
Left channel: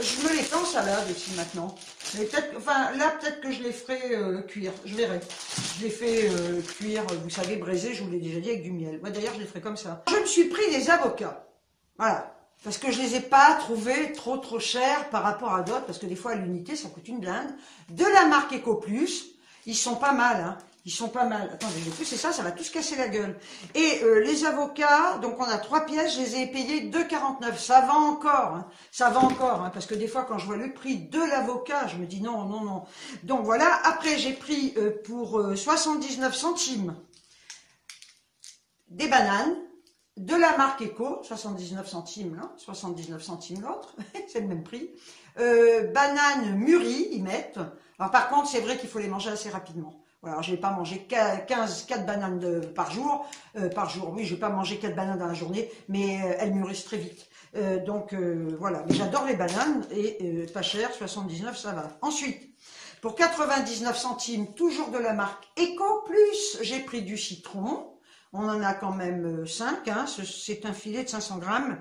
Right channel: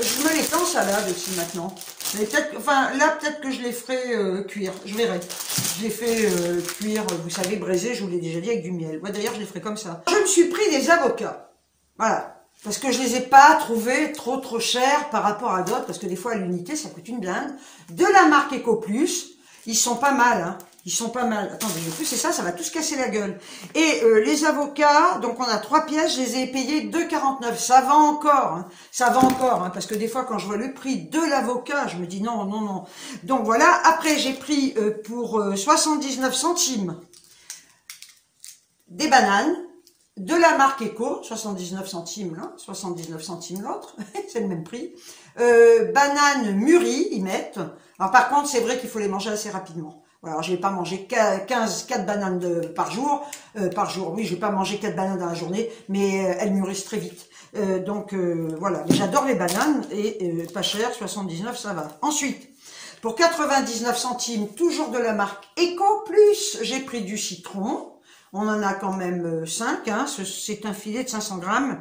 Je me les fais en salade aussi maintenant. Mais peut-être, enfin, là, peut-être que je les ferai cuire. Je verrai. Je les fais cuire, vous savez, braisé, je vous l'ai déjà dit, avec du miel. Ouais, d'ailleurs, je les ferai comme ça. Je me suis pris des avocats. Voilà. Parce que je les ai pas trouvés trop chers par rapport à d'autres, parce que des fois à l'unité ça coûte une blinde. De la marque Eco Plus, ils sont pas mal, hein. Ils sont pas mal. Attendez, le plus c'est ça va tous casser la gueule. Et les avocats, donc on a 3 pièces, je les ai payés 2,49 €. Ça va encore, hein. Ça va encore, hein, parce que des fois quand je vois le prix de l'avocat, je me dis non. Donc voilà, après j'ai pris pour 79 centimes des bananes. De la marque Eco, 79 centimes l'un, 79 centimes l'autre, c'est le même prix. Bananes mûries, ils mettent. Alors par contre, c'est vrai qu'il faut les manger assez rapidement. Alors je vais pas manger 4 bananes par jour. Oui, je vais pas manger 4 bananes dans la journée, mais elles mûrissent très vite. Donc voilà, j'adore les bananes et pas cher, 79, ça va. Ensuite, pour 99 centimes, toujours de la marque Eco Plus, j'ai pris du citron. On en a quand même 5, hein, c'est un filet de 500 grammes.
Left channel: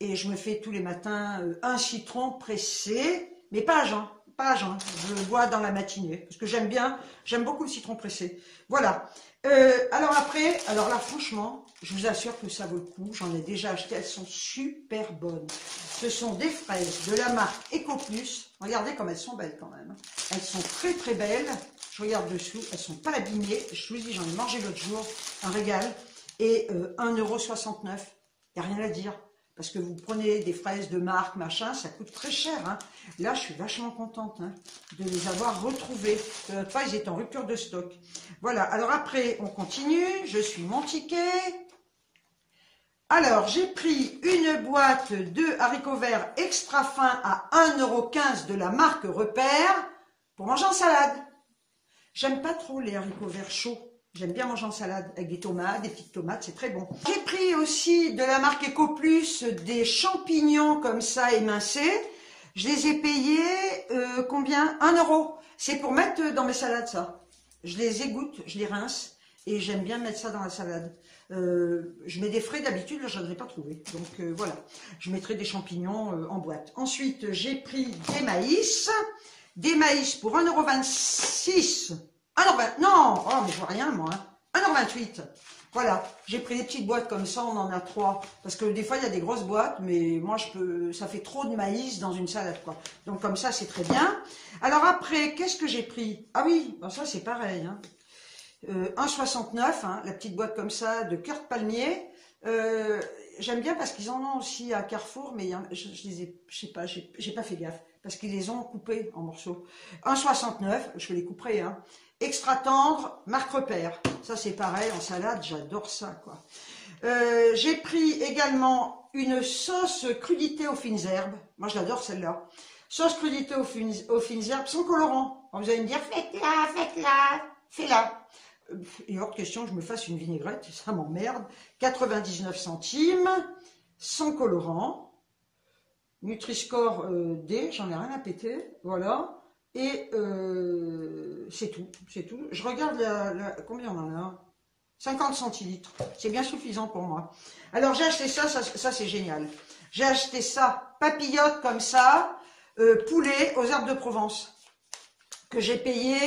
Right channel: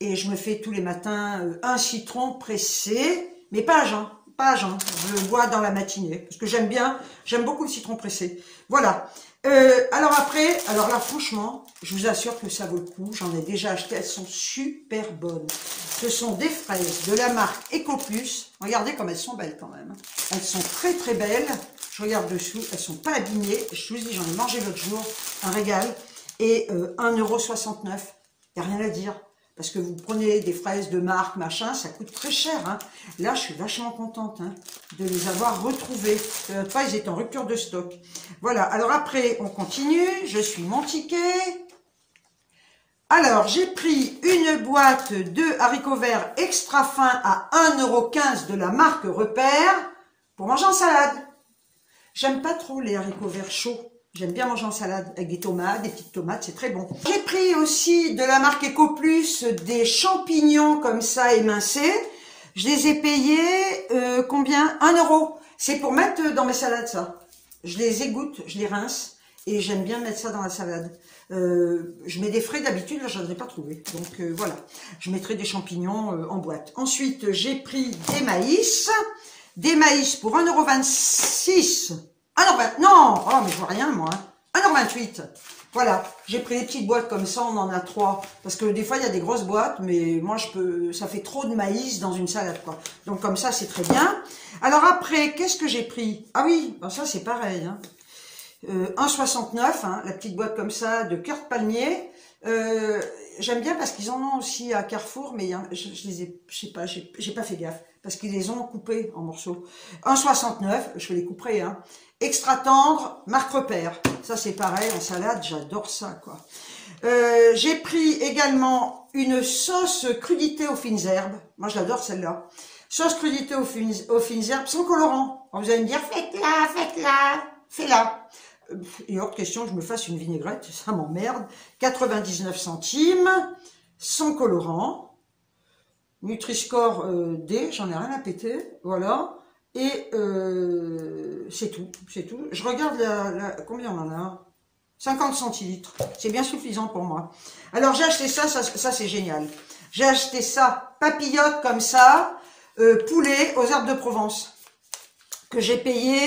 Et je me fais tous les matins un citron pressé, mais pas à jeun, pas à jeun. Je le bois dans la matinée, parce que j'aime beaucoup le citron pressé. Voilà. Alors après, alors là franchement, je vous assure que ça vaut le coup. J'en ai déjà acheté, elles sont super bonnes. Ce sont des fraises de la marque EcoPlus. Regardez comme elles sont belles quand même. Elles sont très très belles. Je regarde dessous, elles sont pas abîmées. Je vous dis, j'en ai mangé l'autre jour, un régal. Et 1,69 €. Il n'y a rien à dire. Parce que vous prenez des fraises de marque, machin, ça coûte très cher. Hein. Là, je suis vachement contente de les avoir retrouvées. Pas, ils étaient en rupture de stock. Voilà, alors après, on continue. Je suis mon ticket. Alors, j'ai pris une boîte de haricots verts extra fins à 1,15 € de la marque Repère pour manger en salade. J'aime pas trop les haricots verts chauds. J'aime bien manger en salade avec des tomates, des petites tomates, c'est très bon. J'ai pris aussi de la marque EcoPlus des champignons comme ça émincés. Je les ai payés, combien? 1 €. C'est pour mettre dans mes salades ça. Je les égoutte, je les rince et j'aime bien mettre ça dans la salade. Je mets des frais d'habitude, là je n'en ai pas trouvé. Donc voilà, je mettrai des champignons en boîte. Ensuite, j'ai pris des maïs. Des maïs pour 1,26 €. Ah non, non, oh, mais je vois rien moi. 1,28 €. Voilà, j'ai pris des petites boîtes comme ça, on en a 3. Parce que des fois, il y a des grosses boîtes, mais moi, ça fait trop de maïs dans une salade, quoi. Donc comme ça, c'est très bien. Alors après, qu'est-ce que j'ai pris? Ah oui, ben ça, c'est pareil. 1,69 €, la petite boîte comme ça, de cœur de palmier. J'aime bien parce qu'ils en ont aussi à Carrefour, mais je les ai, je sais pas, j'ai pas fait gaffe. Parce qu'ils les ont coupés en morceaux. 1,69 €, je les couperai, Extra tendre, marque Repère. Ça, c'est pareil, en salade, j'adore ça, quoi. J'ai pris également une sauce crudité aux fines herbes. Moi, j'adore celle-là. Sauce crudité aux fines herbes sans colorant. Alors, vous allez me dire, faites-la, faites-la, fais-la. Il y a hors de question que je me fasse une vinaigrette, ça m'emmerde. 99 centimes, sans colorant. Nutri-Score D, j'en ai rien à péter, voilà. Et c'est tout, c'est tout. Je regarde combien on en a? 50 centilitres, c'est bien suffisant pour moi. Alors j'ai acheté ça, ça c'est génial. J'ai acheté ça, papillote comme ça, poulet aux herbes de Provence, que j'ai payé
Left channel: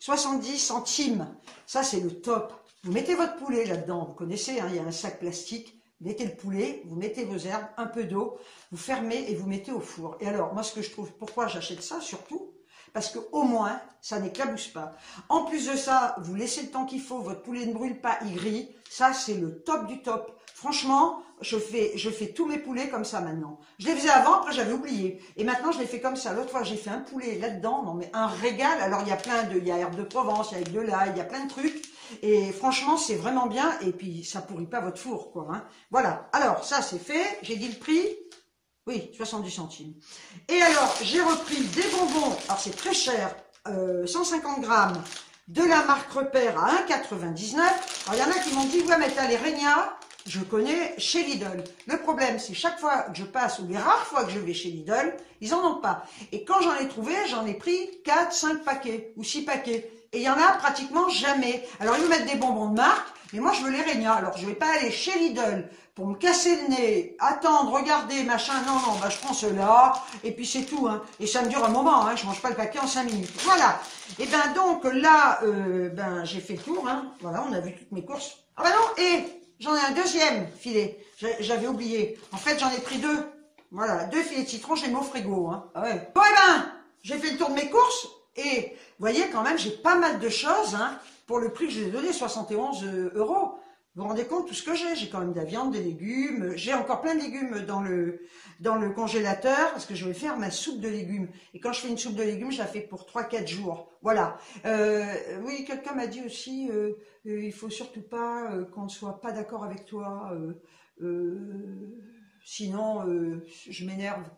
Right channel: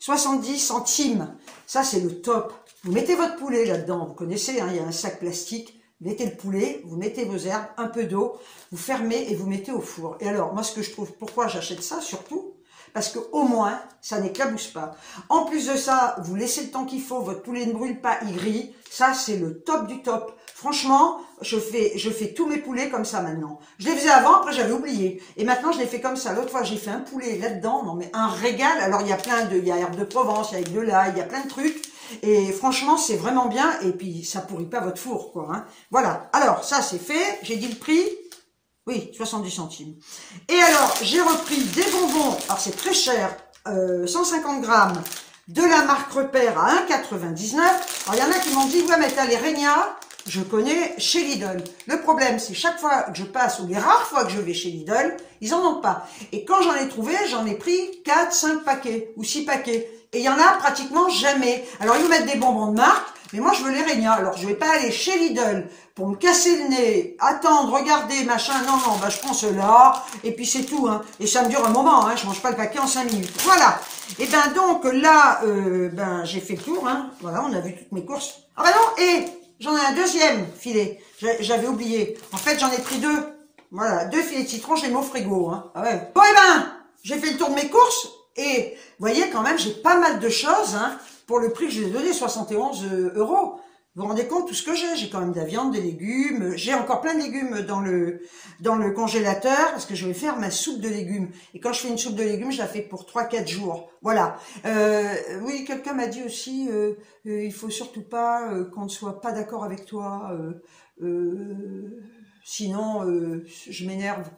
70 centimes. Ça c'est le top. Vous mettez votre poulet là-dedans, vous connaissez, il y a un sac plastique. Vous mettez le poulet, vous mettez vos herbes, un peu d'eau, vous fermez et vous mettez au four. Et alors, moi, ce que je trouve, pourquoi j'achète ça, surtout, parce qu'au moins, ça n'éclabousse pas. En plus de ça, vous laissez le temps qu'il faut, votre poulet ne brûle pas, il grille. Ça, c'est le top du top. Franchement, je fais tous mes poulets comme ça maintenant. Je les faisais avant, après j'avais oublié. Et maintenant, je les fais comme ça. L'autre fois, j'ai fait un poulet là-dedans, non mais un régal. Alors, il y a il y a herbes de Provence, il y a de l'ail, il y a plein de trucs. Et franchement, c'est vraiment bien. Et puis, ça pourrit pas votre four, quoi. Voilà. Alors, ça, c'est fait. J'ai dit le prix. Oui, 70 centimes. Et alors, j'ai repris des bonbons. Alors, c'est très cher. 150 grammes de la marque Repère à 1,99 €. Alors, il y en a qui m'ont dit, ouais, mais t'as les Regna. Je connais chez Lidl. Le problème, c'est chaque fois que je passe, ou les rares fois que je vais chez Lidl, ils en ont pas. Et quand j'en ai trouvé, j'en ai pris 4, 5 paquets ou 6 paquets. Et il y en a pratiquement jamais. Alors, ils me mettent des bonbons de marque, mais moi, je veux les Regna. Alors, je vais pas aller chez Lidl pour me casser le nez, attendre, regarder, machin. Non, non, bah, je prends ceux-là, et puis c'est tout. Et ça me dure un moment, je mange pas le paquet en 5 minutes. Voilà. Et ben donc, là, j'ai fait le tour. Voilà, on a vu toutes mes courses. Ah ben non, et j'en ai un deuxième filet. J'avais oublié. En fait, j'en ai pris 2. Voilà, 2 filets de citron, je les mets au frigo. Ah ouais. Bon, et ben, j'ai fait le tour de mes courses. Et vous voyez, quand même, j'ai pas mal de choses pour le prix que je vous ai donné, 71 €. Vous vous rendez compte tout ce que j'ai? J'ai quand même de la viande, des légumes. J'ai encore plein de légumes dans le congélateur parce que je vais faire ma soupe de légumes. Et quand je fais une soupe de légumes, je la fais pour 3-4 jours. Voilà. Oui, quelqu'un m'a dit aussi, il faut surtout pas qu'on ne soit pas d'accord avec toi. Sinon, je m'énerve.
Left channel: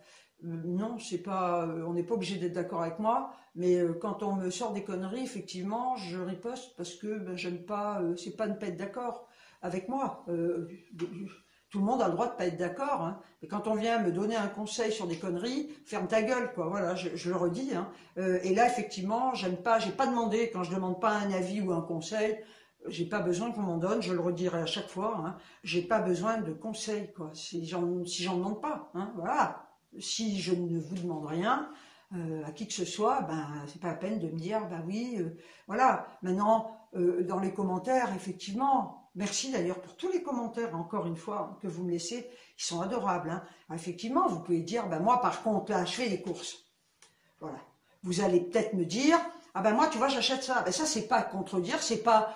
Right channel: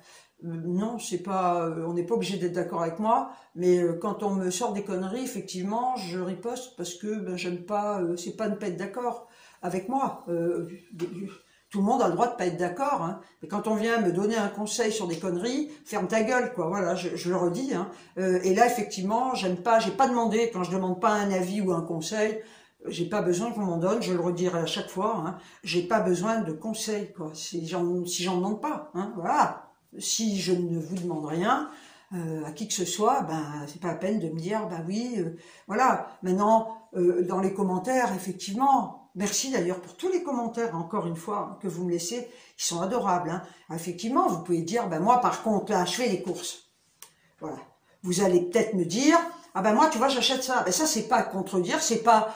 Non, c'est pas, on n'est pas obligé d'être d'accord avec moi, mais quand on me sort des conneries, effectivement, je riposte parce que j'aime pas, c'est pas ne pas être d'accord avec moi. Tout le monde a le droit de pas être d'accord, mais quand on vient me donner un conseil sur des conneries, ferme ta gueule, quoi. Voilà, je le redis. Et là, effectivement, j'aime pas, j'ai pas demandé, quand je demande pas un avis ou un conseil, j'ai pas besoin qu'on m'en donne, je le redirai à chaque fois, hein, j'ai pas besoin de conseils, quoi, si j'en demande pas, hein, voilà. Si je ne vous demande rien, à qui que ce soit, ben c'est pas la peine de me dire, ben oui, voilà. Maintenant, dans les commentaires, effectivement, merci d'ailleurs pour tous les commentaires, encore une fois, que vous me laissez, ils sont adorables, hein. Effectivement, vous pouvez dire, ben moi par contre, là, je fais les courses, voilà. Vous allez peut-être me dire, ah ben moi, tu vois, j'achète ça. Ben ça, c'est pas contredire, c'est pas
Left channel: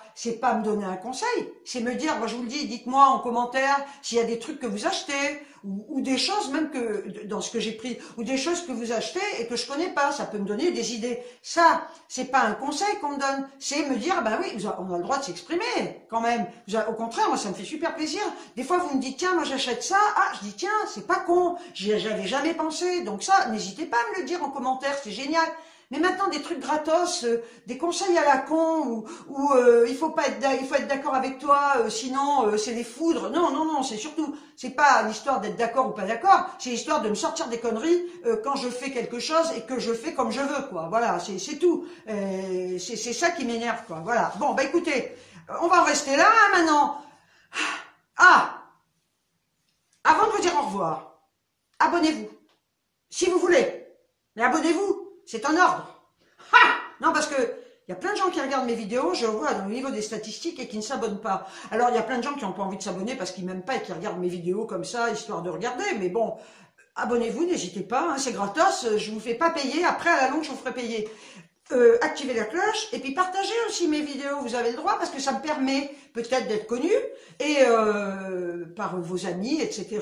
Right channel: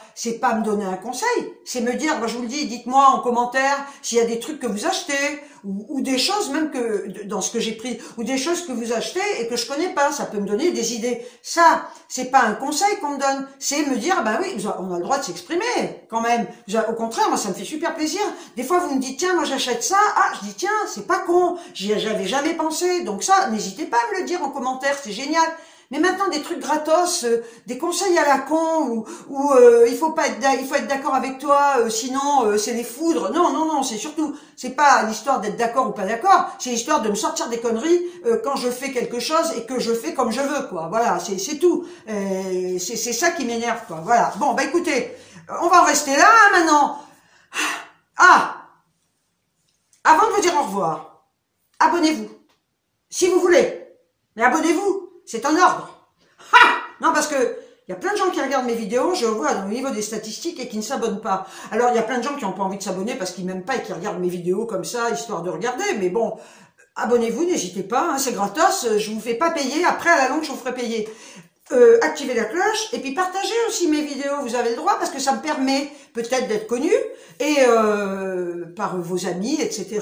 me donner un conseil, c'est me dire, moi je vous le dis, dites-moi en commentaire s'il y a des trucs que vous achetez, ou des choses même que, dans ce que j'ai pris, ou des choses que vous achetez et que je connais pas, ça peut me donner des idées. Ça, c'est pas un conseil qu'on me donne, c'est me dire, ben oui, on a le droit de s'exprimer, quand même. Au contraire, moi, ça me fait super plaisir. Des fois, vous me dites, tiens, moi j'achète ça, ah, je dis, tiens, c'est pas con, j'avais jamais pensé, donc ça, n'hésitez pas à me le dire en commentaire, c'est génial. Mais maintenant, des trucs gratos, des conseils à la con, ou il faut être d'accord avec toi, sinon c'est des foudres. Non, non, non, c'est surtout, c'est pas l'histoire d'être d'accord ou pas d'accord, c'est l'histoire de me sortir des conneries quand je fais quelque chose et que je fais comme je veux, quoi. Voilà, c'est tout. C'est ça qui m'énerve, quoi. Voilà. Bon, bah écoutez, on va en rester là, hein, maintenant. Ah, avant de vous dire au revoir, abonnez-vous, si vous voulez. Mais abonnez-vous. C'est en ordre. Ha! Non, parce que il y a plein de gens qui regardent mes vidéos, je vois dans le niveau des statistiques, et qui ne s'abonnent pas. Alors, il y a plein de gens qui n'ont pas envie de s'abonner parce qu'ils m'aiment pas et qui regardent mes vidéos comme ça, histoire de regarder. Mais bon, abonnez-vous, n'hésitez pas, hein, c'est gratos, je vous fais pas payer. Après, à la longue, je vous ferai payer. Activez la cloche, et puis partagez aussi mes vidéos, vous avez le droit, parce que ça me permet peut-être d'être connu, et par vos amis, etc.,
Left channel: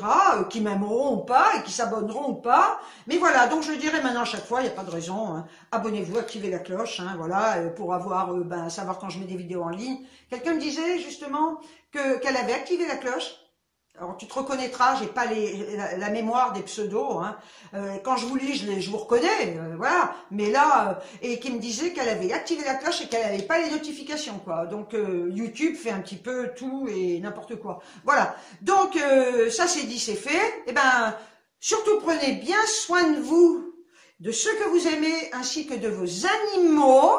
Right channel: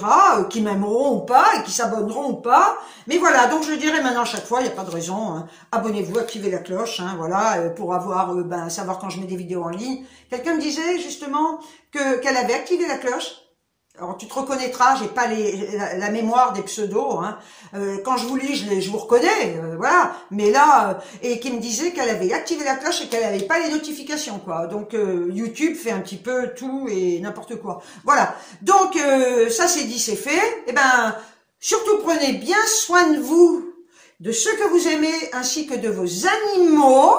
qui m'aimeront ou pas, et qui s'abonneront ou pas. Mais voilà, donc je le dirai maintenant à chaque fois, il n'y a pas de raison, hein. Abonnez-vous, activez la cloche, hein, voilà, pour avoir, savoir quand je mets des vidéos en ligne. Quelqu'un me disait justement qu'elle avait activé la cloche. Alors tu te reconnaîtras, j'ai pas la mémoire des pseudos, hein. Quand je vous lis, je vous reconnais, voilà. Mais là, et qui me disait qu'elle avait activé la cloche et qu'elle n'avait pas les notifications, quoi. Donc YouTube fait un petit peu tout et n'importe quoi. Voilà. Donc ça c'est dit, c'est fait. Et ben surtout prenez bien soin de vous, de ceux que vous aimez, ainsi que de vos animaux.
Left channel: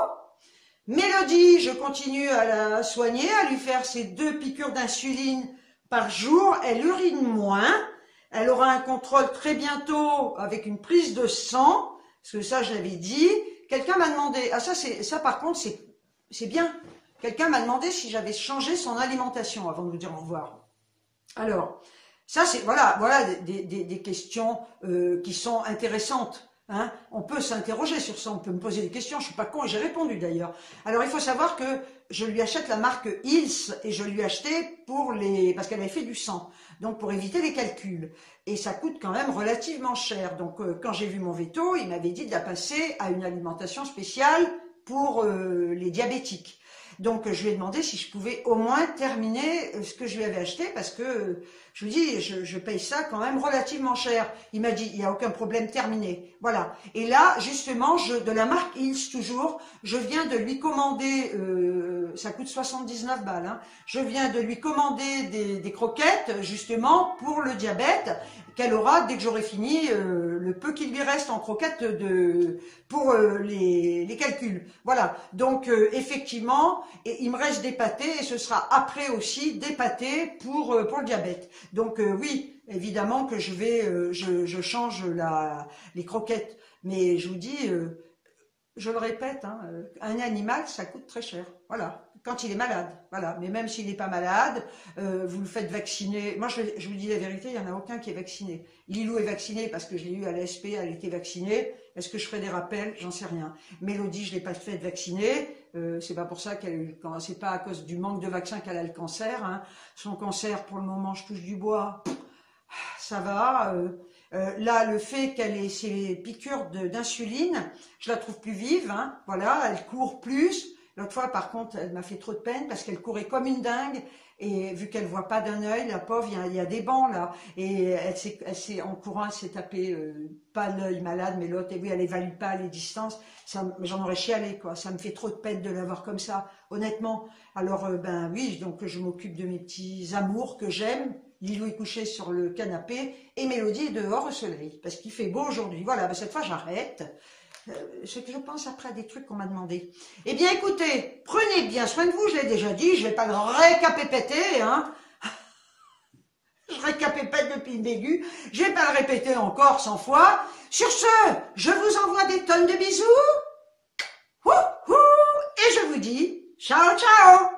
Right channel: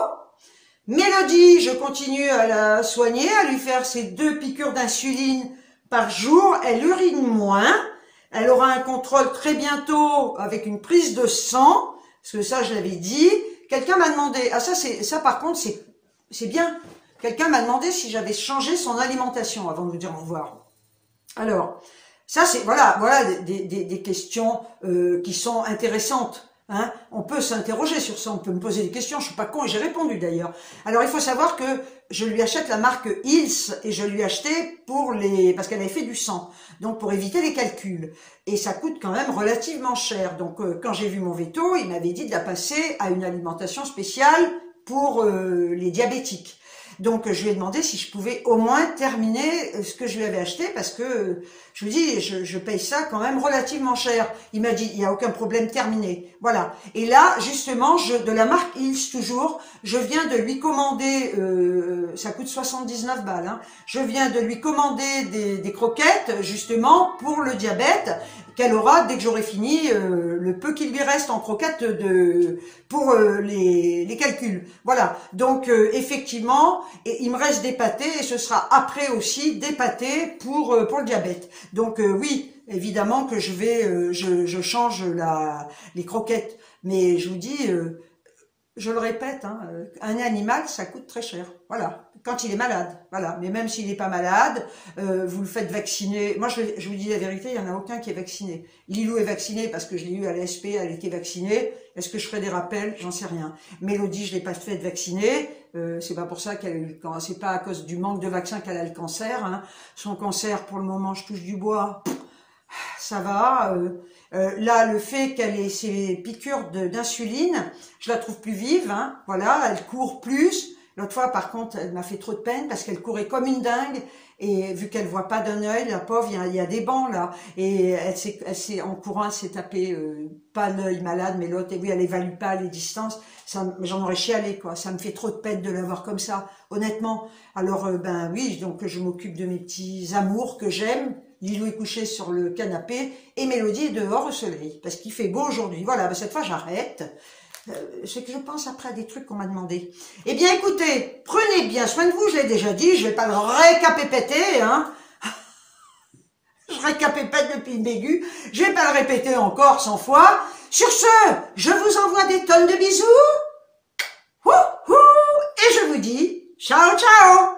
Mélodie, je continue à la soigner, à lui faire ses 2 piqûres d'insuline par jour, elle urine moins, elle aura un contrôle très bientôt avec une prise de sang, parce que ça je l'avais dit. Quelqu'un m'a demandé, ah ça par contre c'est bien, quelqu'un m'a demandé si j'avais changé son alimentation avant de vous dire au revoir. Alors, ça c'est, voilà des questions qui sont intéressantes. Hein, on peut s'interroger sur ça, on peut me poser des questions, je suis pas con et j'ai répondu d'ailleurs. Alors il faut savoir que je lui achète la marque Hills et je lui ai acheté parce qu'elle avait fait du sang, donc pour éviter les calculs. Et ça coûte quand même relativement cher. Donc quand j'ai vu mon veto, il m'avait dit de la passer à une alimentation spéciale pour les diabétiques. Donc je lui ai demandé si je pouvais au moins terminer ce que je lui avais acheté, parce que je lui dis, je paye ça quand même relativement cher. Il m'a dit, il n'y a aucun problème, terminé. Voilà. Et là, justement, de la marque Hills toujours, je viens de lui commander, ça coûte 79 balles, hein, je viens de lui commander des croquettes, justement, pour le diabète, qu'elle aura dès que j'aurai fini le peu qu'il lui reste en croquettes pour les calculs. Voilà. Donc, effectivement, il me reste des pâtés et ce sera après aussi des pâtés pour le diabète. Donc, oui, évidemment que je change les croquettes. Mais je vous dis, je le répète, hein, un animal, ça coûte très cher. Voilà. Quand il est malade, voilà. Mais même s'il n'est pas malade, vous le faites vacciner. Moi, je vous dis la vérité, il n'y en a aucun qui est vacciné. Lilou est vaccinée parce que je l'ai eu à l'ASP, elle était vaccinée. Est-ce que je ferai des rappels? J'en sais rien. Mélodie, je l'ai pas fait vacciner. C'est pas pour ça qu'elle a eu le cancer. C'est pas à cause du manque de vaccin qu'elle a le cancer, hein. Son cancer, pour le moment, je touche du bois. Ça va. Là, le fait qu'elle ait ses piqûres d'insuline, je la trouve plus vive, hein. Voilà, elle court plus. L'autre fois, par contre, elle m'a fait trop de peine parce qu'elle courait comme une dingue. Et vu qu'elle voit pas d'un œil, la pauvre, il y a des bancs là. Et en courant, elle s'est tapée, pas l'œil malade, mais l'autre. Et oui, elle évalue pas les distances. J'en aurais chialé, quoi. Ça me fait trop de peine de la voir comme ça, honnêtement. Alors, ben oui, donc je m'occupe de mes petits amours que j'aime. Lilou est couché sur le canapé et Mélodie est dehors au soleil parce qu'il fait beau aujourd'hui. Voilà, ben cette fois j'arrête. c'est que je pense après à des trucs qu'on m'a demandé. Eh bien, écoutez, prenez bien soin de vous, je l'ai déjà dit, je vais pas le récapépéter, hein. Je récapépète depuis le début, je vais pas le répéter encore 100 fois. Sur ce, je vous envoie des tonnes de bisous. Et je vous dis, ciao, ciao.